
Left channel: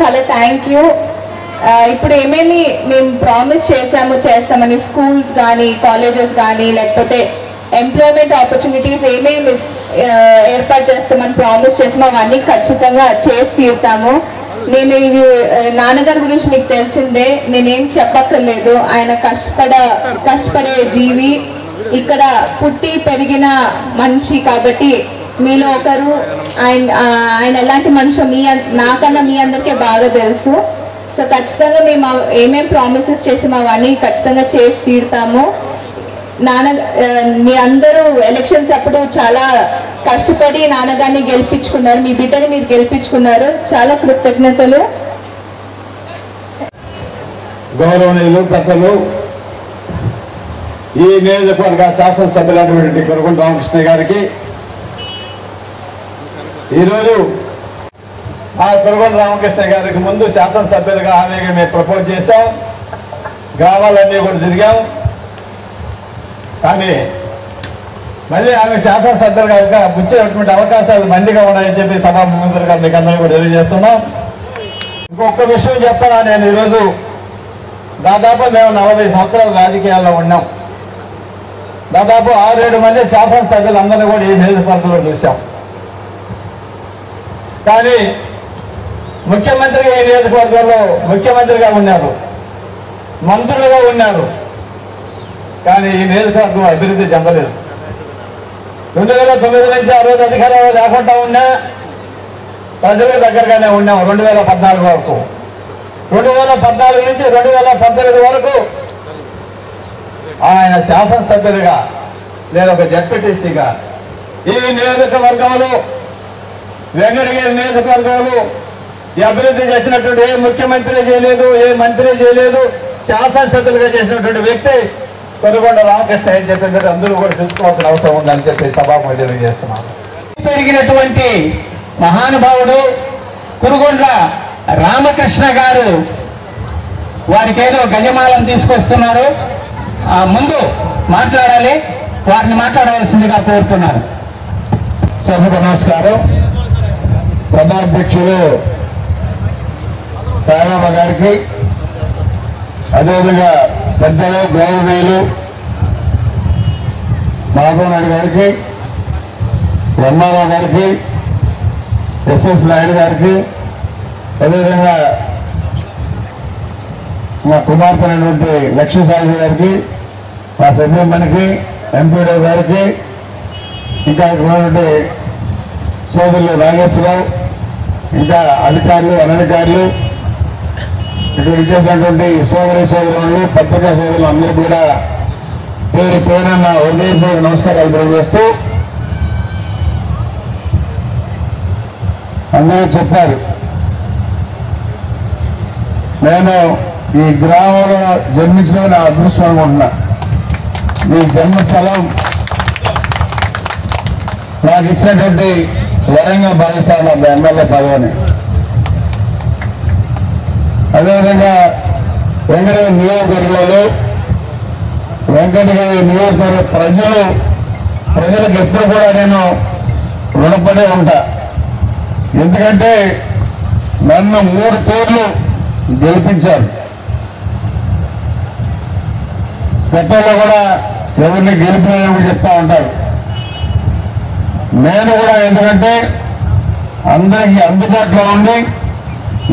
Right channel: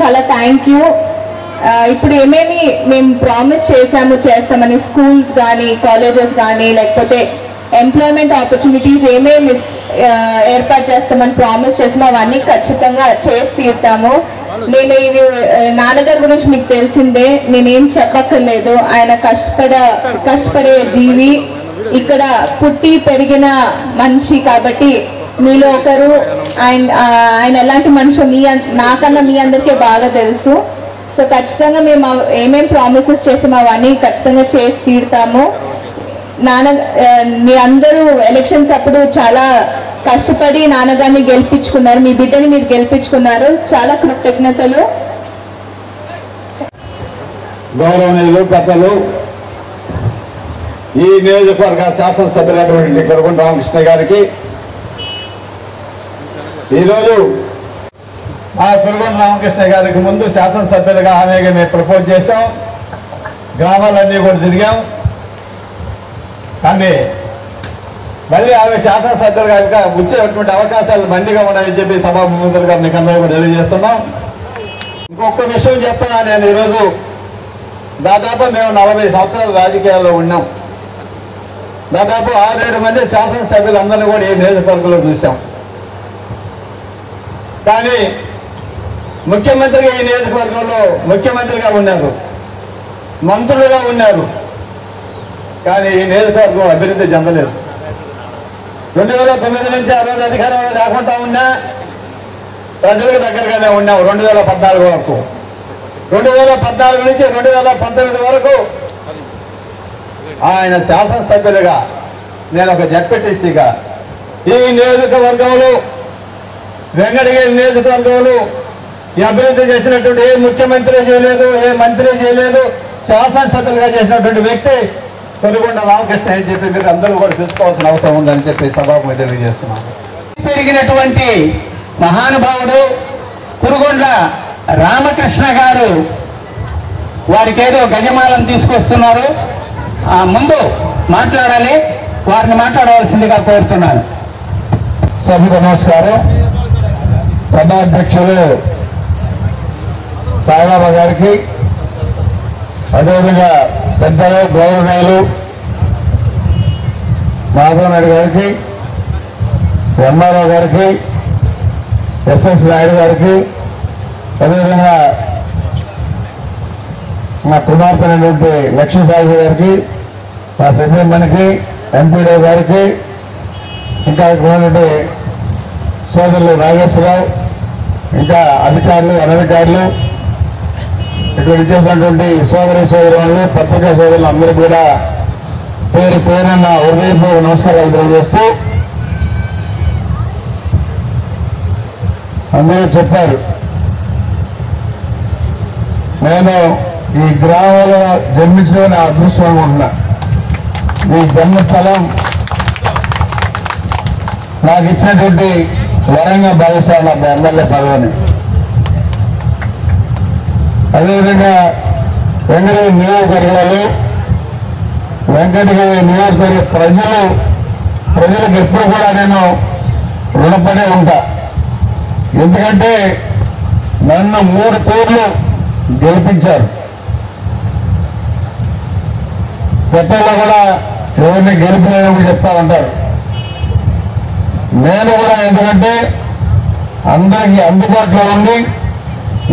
చాలా థ్యాంక్ యూ. ఇప్పుడు ఏమేమి మేము ప్రామిస్ చేస్తామని స్కూల్స్ కానీ, కాలేజెస్ కానీ, లేకపోతే ఎంప్లాయ్మెంట్ ఆపర్చునిటీస్ ఏమేమి ఏర్పాటు చేస్తామని ప్రామిస్ చేస్తామో అవన్నీ ఖచ్చితంగా చేసి తీరుతాము. నేను ఇవి నాన్నగారి గురించి మీకు తెలిసిందే, నేనేం చెప్పక్కర్లేదు. ఆయన కష్టపడే జీవి, ఇక్కడ పుట్టి పెరిగిన మనిషి కాబట్టి మీలో ఒకరు. ఆయన ఎలాంటి మనిషి నాకన్నా మీ అందరికీ బాగా తెలుసు. సో ఖచ్చితంగా మేము ఏమేం ప్రామిసెస్ చేసామో అవన్నీ ఖచ్చితంగా చేసి తీరుతాము. మీ అందరూ ఎలక్షన్స్ అప్పుడు చాలా కష్టపడి నాన్నగారిని గెలిపించుకున్నారు, మీ బిడ్డని మీరు గెలిపించుకున్నారు. చాలా కృతజ్ఞతలు. గౌరవనీయులు, పెద్దలు, ఈ నియోజకవర్గ శాసనసభ్యులైనటువంటి కురుగొండ్ల రామకృష్ణ గారికి ఈరోజు ఆ కురుగొండ్ల రామకృష్ణ గారికి ముందు శాసనసభ్యులుగా హామీగా మేము ప్రపోజ్ చేశాం. గ్రామాలన్నీ కూడా తిరిగాం. కానీ మళ్ళీ ఆమె శాసనసభ్యులుగా వచ్చేటువంటి అవకాశాలు మెండుగా ఉన్నాయని చెప్పి సభాముఖులుగా మీకు అందరూ కూడా తెలియజేస్తున్నాం. ఇంకొక విషయం చెప్తాను. నేను ఈరోజు దాదాపు మేము 40 సంవత్సరాలు రాజకీయాల్లో ఉన్నాం. దాదాపు 6-7 మంది శాసనసభ్యులందరినీ కూడా ఈ నియోజకవర్గంలో చూశాం. కానీ ముఖ్యమంత్రిగా ఈ నియోజకవర్గంలో ముఖ్యమంత్రిగా ఉన్నారు, మంత్రులుగా ఉన్నారు. కానీ ఈ నియోజకవర్గం అభివృద్ధి చెందలేదు. 2009 నుంచి ఆ రోజు అధికారంలో రాకుండా ఉన్నా ప్రజలకు దగ్గరగానే ఉన్నాం. 2014 వరకు, 2014 నుంచి 2019 వరకు ఆయన శాసనసభ్యులుగా, నేను ఒక జడ్పీటీసీగా ఈ నియోజకవర్గంలో, వెంకటగిరి నియోజకవర్గంలో ఈ అభివృద్ధి చేసినటువంటి ఏ ముఖ్యమంత్రి చేయలేదు, ఏ మంత్రి చేయలేదు. శాసనసభ్యులుగా చేసినటువంటి వ్యక్తి కురుగొండ్ల రామకృష్ణ అని చెప్పి అందరూ కూడా తెలుసుకోవాల్సిన అవసరం ఉందని చెప్పి సభకు తెలియజేస్తున్నాను. పెరిగినటువంటి మహానుభావుడు కురుగొండ్ల రామకృష్ణ గారు వారికి ఏదో గజమాలను తీసుకొస్తున్నారు. ముందు మాట్లాడాలి, వారిని మాట్లాడవలసిందిగా కోరుతున్నాను. సభకు నమస్కారం. సభాధ్యక్షులు సాయిరామ గారికి, అదేవిధంగా పెద్దలు, గౌరవనీయులు మాధవ్ నాయుడు గారికి, రమ్మారావు గారికి, ఎస్ఎస్ నాయుడు గారికి, అదేవిధంగా మా కుమార్తె లక్ష్మీ సాయి గారికి, మా సభ్యులకి, ఎంపీరావు గారికి, ఇంకా ఉన్నటువంటి సోదరులు నాగేశ్వరరావు, ఇంకా అధికారులు, అనధికారులు, ఇక్కడ చేసినటువంటి సోదరులు, పత్రికా సోదరులు అందరూ కూడా పేరు పేరున్న హృదయపూర్వక నమస్కారాలు తెలియజేస్తూ, అందరూ చెప్పారు, నేను ఈ గ్రామంలో జన్మించిన నా అదృష్టం అనుకుంటున్నా. ఈ జన్మస్థలం నాకు ఇచ్చినటువంటి వరంగా భావిస్తాను నా ఎమ్మెల్యే పదవిని. అదేవిధంగా వెంకటగిరి నియోజకవర్గంలో, వెంకటగిరి నియోజకవర్గ ప్రజలకు ఎప్పుడు కూడా నేను రుణపడే ఉంటా. ఎందుకంటే నన్ను 3 తూర్లు గెలిపించారు. గతంలో కూడా ఎవరిని గెలిపినని చెప్తా ఉంటారు. నేను కూడా ఎందుకంటే అందరికీ అందుబాటులో ఉండి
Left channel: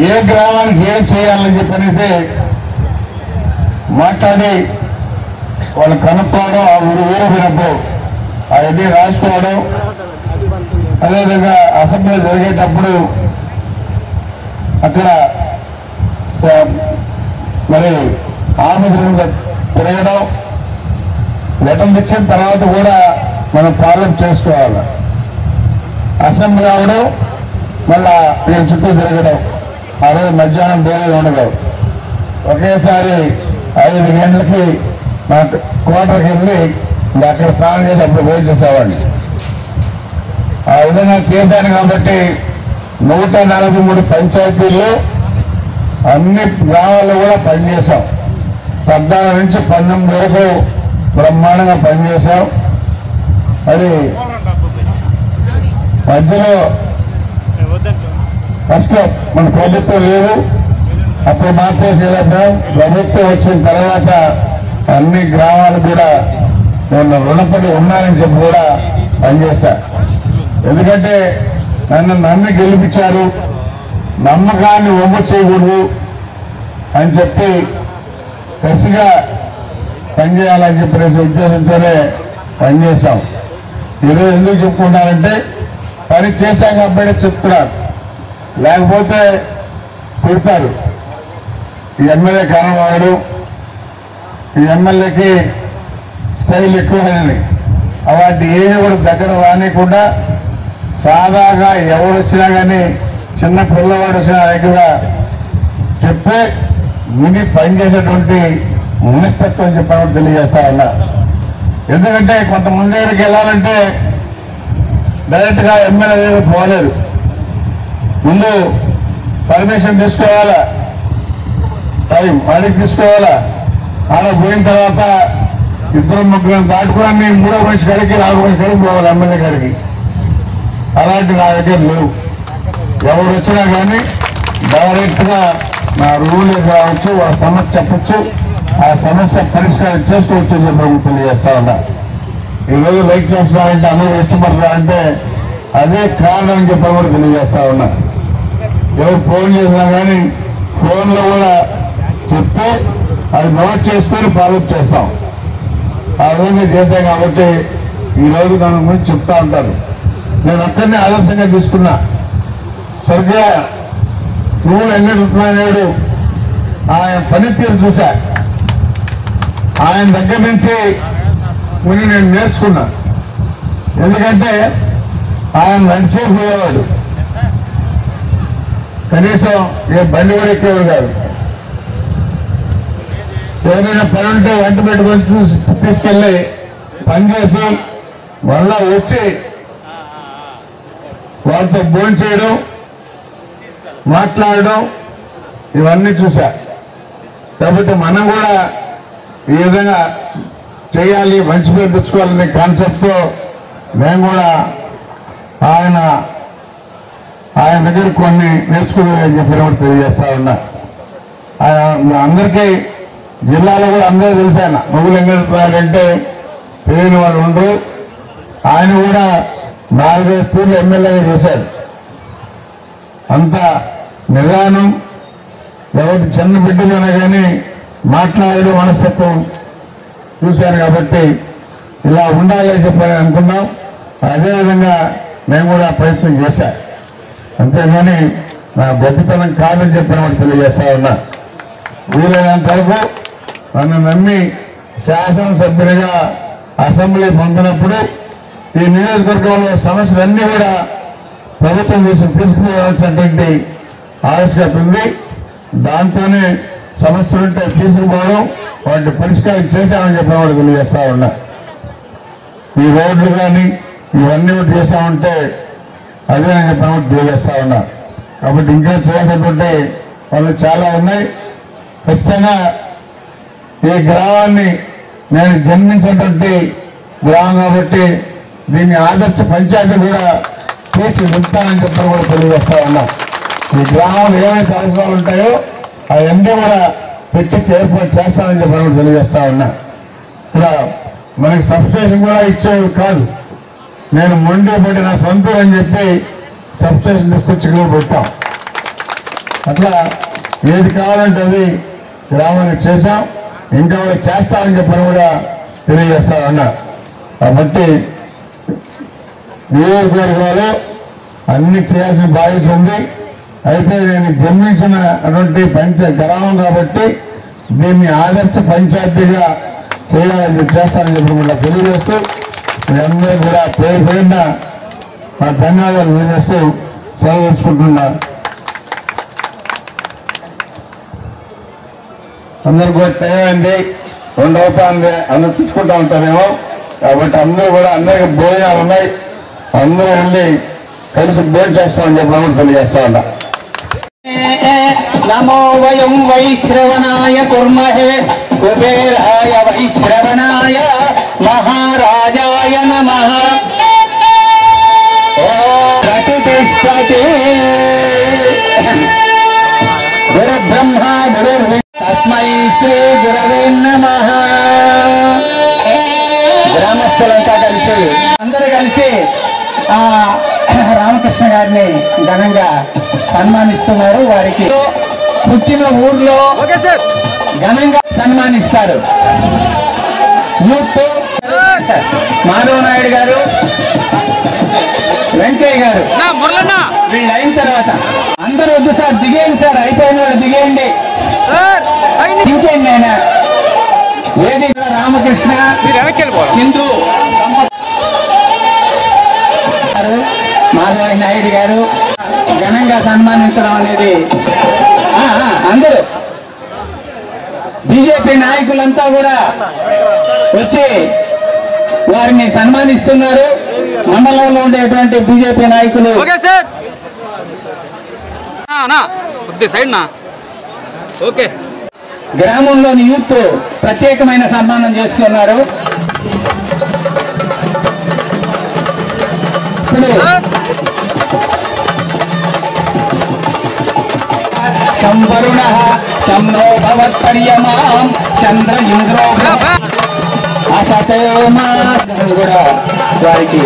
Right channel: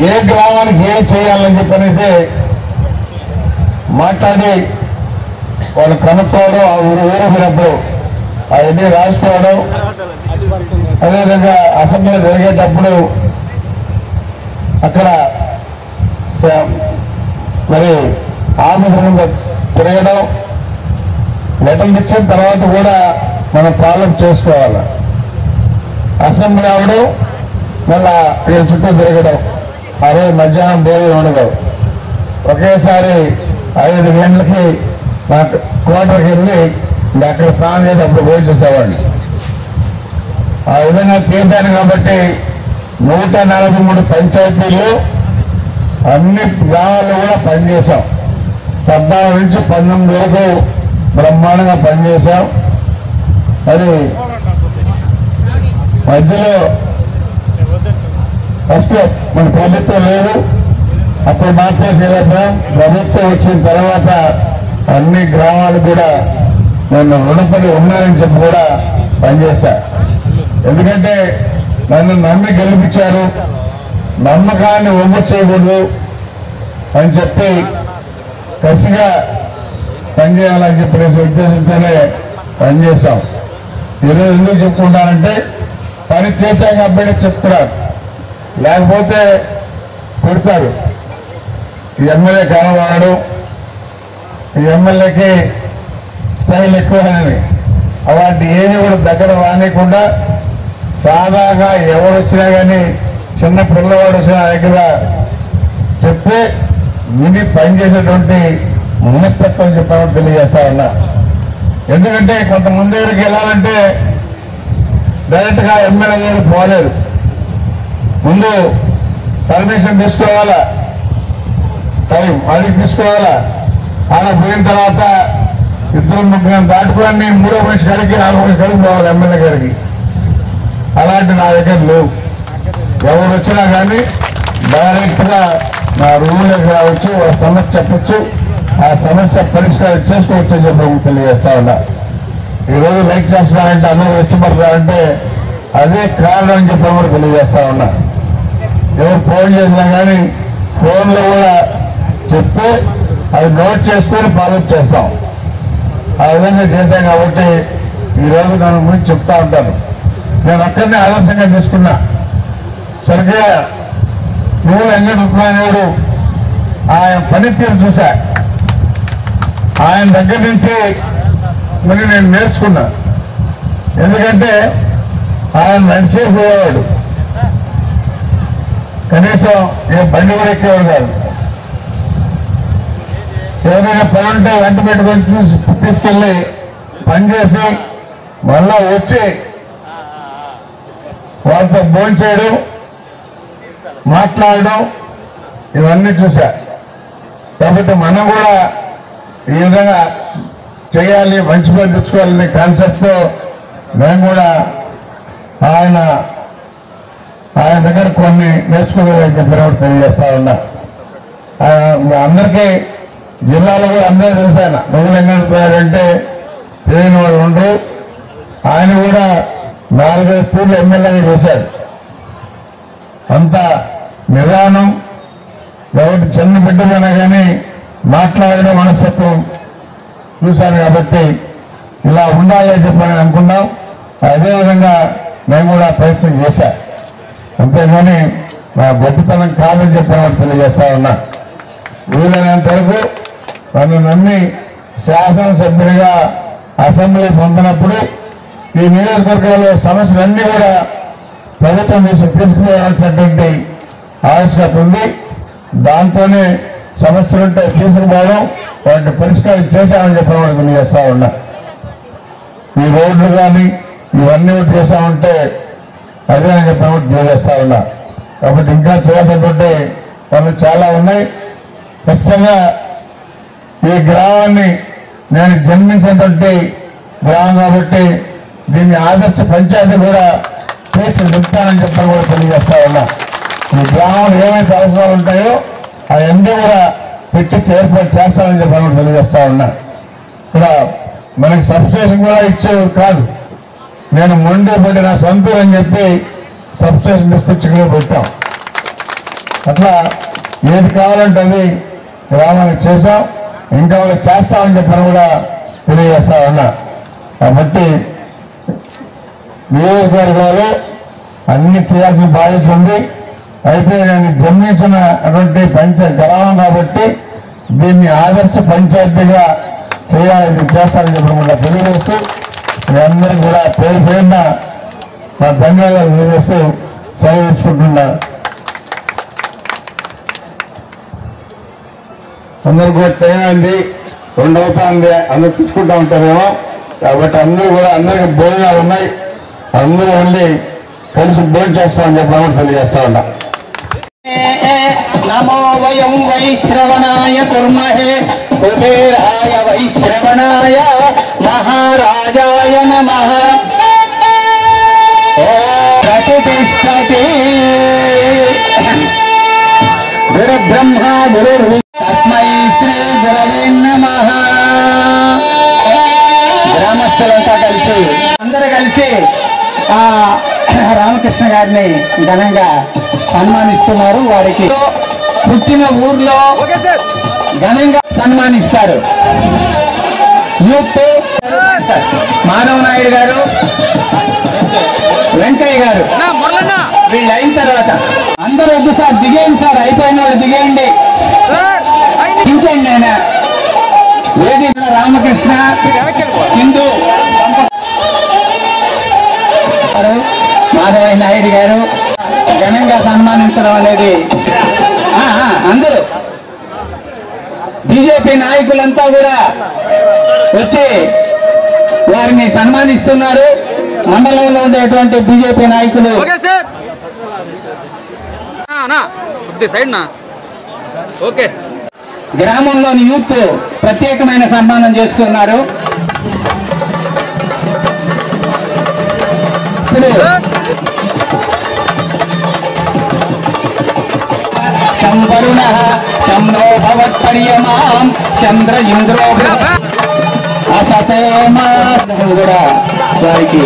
ఏ గ్రామానికి ఏం చేయాలని చెప్పనేసి మాట్లాడి వాళ్ళు కనుక్కోవడం, ఆ ఊరు పోయినప్పుడు అవన్నీ రాసుకోవడం, అదేవిధంగా అసెంబ్లీ జరిగేటప్పుడు అక్కడ మరి ఆఫీసర్ తిరగడం, లెటర్లు ఇచ్చిన తర్వాత కూడా మనం ప్రాబ్లం చేసుకోవాలి. అసెంబ్లీ అవడం, మళ్ళా వీళ్ళ చుట్టూ తిరగడం, ఆ రోజు మధ్యాహ్నం భోజనం ఉండదు. ఒకేసారి 5 గంటలకి మా కోటకి వెళ్ళి అక్కడ స్నానం చేసి అప్పుడు భోజనం చేసేవాడిని. ఆ విధంగా చేశాను కాబట్టి 143 పంచాయతీల్లో అన్ని గ్రామాల్లో కూడా పనిచేశాం. 14 నుంచి 19 వరకు బ్రహ్మాండంగా పనిచేశాం. మరి మధ్యలో ఫస్ట్ మన ప్రభుత్వం లేదు, అప్పుడు మాత్రం చేయలేకపోయాం. ప్రభుత్వం వచ్చిన తర్వాత అన్ని గ్రామాలు కూడా నేను రుణపడి ఉన్నానని చెప్పి కూడా పనిచేశా. ఎందుకంటే నన్ను నమ్మి గెలిపించారు, నమ్మకాన్ని వమ్ము చేయకూడదు అని చెప్పి కసిగా పనిచేయాలని చెప్పేసి ఉద్దేశంతోనే పనిచేశాం. ఈరోజు ఎందుకు చెప్పుకుంటానంటే పని చేశాం కాబట్టి చెప్తున్నారు, లేకపోతే తిడతారు. ఈ ఎమ్మెల్యే కానవాడు, ఈ ఎమ్మెల్యేకి స్టైల్ ఎక్కువని, అలాంటి ఏమి కూడా దగ్గర రానికుండా సాదాగా ఎవరు వచ్చినా కానీ చిన్న పిల్లవాడు వచ్చినా దగ్గర చెప్తే విని పనిచేసేటువంటి మనస్తత్వం చెప్పడం తెలియజేస్తా ఉన్నా. ఎందుకంటే కొంతమంది దగ్గరికి వెళ్ళాలంటే డైరెక్ట్గా ఎమ్మెల్యే దగ్గరికి పోలేదు, ముందు పర్మిషన్ తీసుకోవాలా, టైం అడిగి తీసుకోవాలా. అలా పోయిన తర్వాత 2-3 దాటుకొని 3వ మనిషి గారికి 4వ మనిషి గారికి పోవాలి ఎమ్మెల్యే గారికి. అలాంటి నా దగ్గర లేవు. ఎవరు వచ్చినా కానీ డైరెక్ట్గా నా రూలే కావచ్చు, వాళ్ళ సమస్య చెప్పచ్చు, ఆ సమస్య పరిష్కారం చేసుకోవచ్చు అని చెప్పి తెలియజేస్తా ఉన్నా. ఈరోజు లైక్ చేస్తున్నారంటే అందరూ ఇష్టపడతారంటే అదే కారణం అని చెప్పి కూడా తెలియజేస్తా ఉన్నా. ఎవరు ఫోన్ చేసినా కానీ ఫోన్లో కూడా చెప్తే అది నోట్ చేసుకొని ఫాలోఅప్ చేస్తాం. ఆ విధంగా చేశాం కాబట్టి ఈరోజు నన్ను గురించి చెప్తా ఉంటాను. నేను ఒక్కరిని ఆదర్శంగా తీసుకున్నా. స్వర్గీయ వెంకటరమణాయుడు ఆయన పనితీరు చూశా. ఆయన దగ్గర నుంచి కొన్ని నేను నేర్చుకున్నా. ఎందుకంటే ఆయన నడిచే పోయేవాడు, కనీసం ఏ బండి కూడా ఎక్కేవాడు కాదు. ఏదైనా పని ఉంటే వెంట పెట్టుకొని తీసుకెళ్ళి పనిచేసి మళ్ళా వచ్చి వాళ్ళతో భోజనం చేయడం, మాట్లాడడం ఇవన్నీ చూశా. కాబట్టి మనం కూడా ఈ విధంగా చేయాలి, మంచి పేరు తెచ్చుకోవాలనే కాన్సెప్ట్తో మేము కూడా ఆయన దగ్గర కొన్ని నేర్చుకోవాలని చెప్పి తెలియజేస్తా ఉన్నా. అందరికీ జిల్లాలో కూడా అందరూ చూశాను. నువ్వులు ఎంగడిపోయారంటే తెలియని వాడు ఉండు. ఆయన కూడా 4-5 తూర్లు ఎమ్మెల్యేగా చేశాడు. అంత నిదానం, ఎవరి చిన్న బిడ్డలైనా కానీ మాట్లాడడం మనస్తత్వం చూశాను. కాబట్టి ఇలా ఉండాలి అని చెప్పి అనుకున్నాం. అదేవిధంగా నేను కూడా ప్రయత్నం చేశా. అంతేగాని నా గొప్పతనం కాదని చెప్పి తెలియజేస్తా ఉన్నా. వీలైనంత వరకు నన్ను నమ్మి శాసనసభ్యుడిగా అసెంబ్లీ పొందినప్పుడు ఈ నియోజకవర్గంలో సమస్యలన్నీ కూడా ప్రభుత్వం తీసుకుపోవాల్సినటువంటి ఆవశ్యకత ఉంది. దాంతోనే సమస్యలుంటే తీసుకుపోవడం, వాటిని పరిష్కారం చేశామని చెప్పి కూడా తెలియజేస్తా ఉన్నా. ఈ రోడ్లు కానీ ఇవన్నీ చేశామంటే అదే అని చెప్పి తెలియజేస్తా ఉన్నా. కాబట్టి ఇంకా చేసేటువంటి పనులు చాలా ఉన్నాయి. ఖచ్చితంగా ఈ గ్రామాన్ని నేను జన్మించినటువంటి గ్రామం కాబట్టి దీన్ని ఆదర్శ పంచాయతీ కూడా తీర్చిదిద్దానని చెప్పని కూడా తెలియజేస్తా ఉన్నాం. ఈ గ్రామంలో ఏవైతే అవసరాలు ఉంటాయో అవన్నీ కూడా పెట్టి ఏర్పాటు చేస్తానని చెప్పని కూడా తెలియజేస్తా ఉన్నా. ఇక్కడ మనకి సబ్స్టేషన్ కూడా ఇచ్చేది కాదు. నేను మొండి పడి నా సొంత అని చెప్పి సబ్స్టేషన్ తీసుకొచ్చి పెట్టాం. అట్లా ఏది కావాలంటే అది గ్రామానికి చేశాం, ఇంకా చేస్తామని చెప్పని కూడా తెలియజేస్తా ఉన్నా. కాబట్టి నియోజకవర్గాలు అన్ని చేయాల్సిన బాధ్యత ఉంది. అయితే నేను జన్మించినటువంటి గ్రామం కాబట్టి దీన్ని ఆదర్శ పంచాయతీగా చేస్తానని చెప్పి తెలియజేస్తూ మీ అందరికీ కూడా పేరు పేరున నా ధన్యవాదాలు తెలియజేస్తూ సెలవు తీసుకుంటున్నా. అందరికి కూడా తెలియండి 2 అవుతుంది, అందరూ తెచ్చుకుంటా ఉంటారేమో. కాబట్టి అందరూ కూడా అందరికి భోజనాలు ఉన్నాయి, అందరూ వెళ్ళి కలిసి భోజనం చేస్తామని చెప్పి తెలియజేస్తా ఉన్నా. నమో వయం వైశ్రవణాయ కుర్మహే కుబేరాయ వైశ్రవణాయ మహారాజాయ నమః. ప్రతిష్టతే గురుబ్రహ్మ గురుర్విష్ణు తస్మై శ్రీ గురవే నమః. గ్రామస్తులంతా కలిసి అందరూ కలిసి రామకృష్ణ గారిని ఘనంగా సన్మానిస్తున్నారు. వారికి పుట్టిన ఊర్లో ఘనంగా సన్మానిస్తారు. యూత్ మాధవ నాయుడు గారు, వెంకయ్య గారు వీళ్ళు అయిన తర్వాత అందరూ వద్దు సార్, దిగేయండి సార్, అయిపోయిన వాళ్ళు దిగేయండి, దించేయండి. ఆయన వేదిక రామకృష్ణ హిందూ మాధవ నాయుడు గారు ఘనంగా సన్మానించడం అనేది అందరూ బీజేపీ నాయకులంతా కూడా వచ్చి వారిని సన్మానిస్తున్నారు. మండలంలో ఉండేటువంటి బీజేపీ నాయకులు గ్రామంలోని యూత్ ప్రత్యేకమైన సన్మానం చేస్తున్నారు. ఇప్పుడు సంవరుణ చంద్రో భవత్పర్యమాం చంద్ర ఇంద్రో అసతోమా కూడా వారికి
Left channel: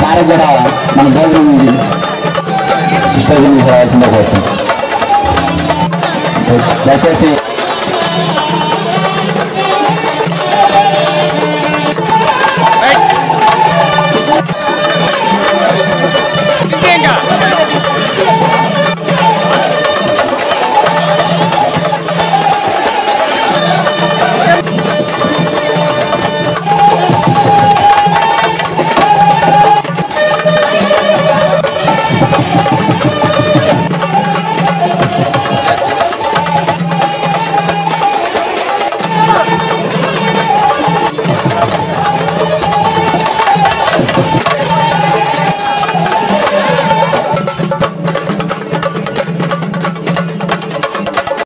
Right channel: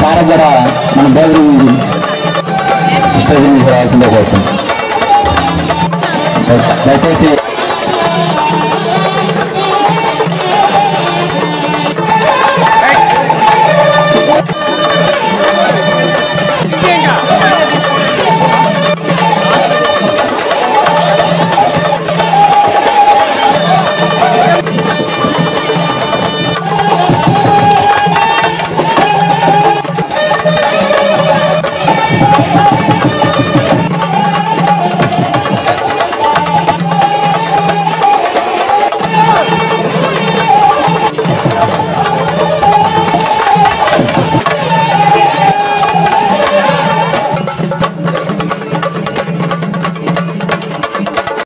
సార్ కూడా మన భోజనం రావాల్సిందే కోరుతున్నాం. దయచేసి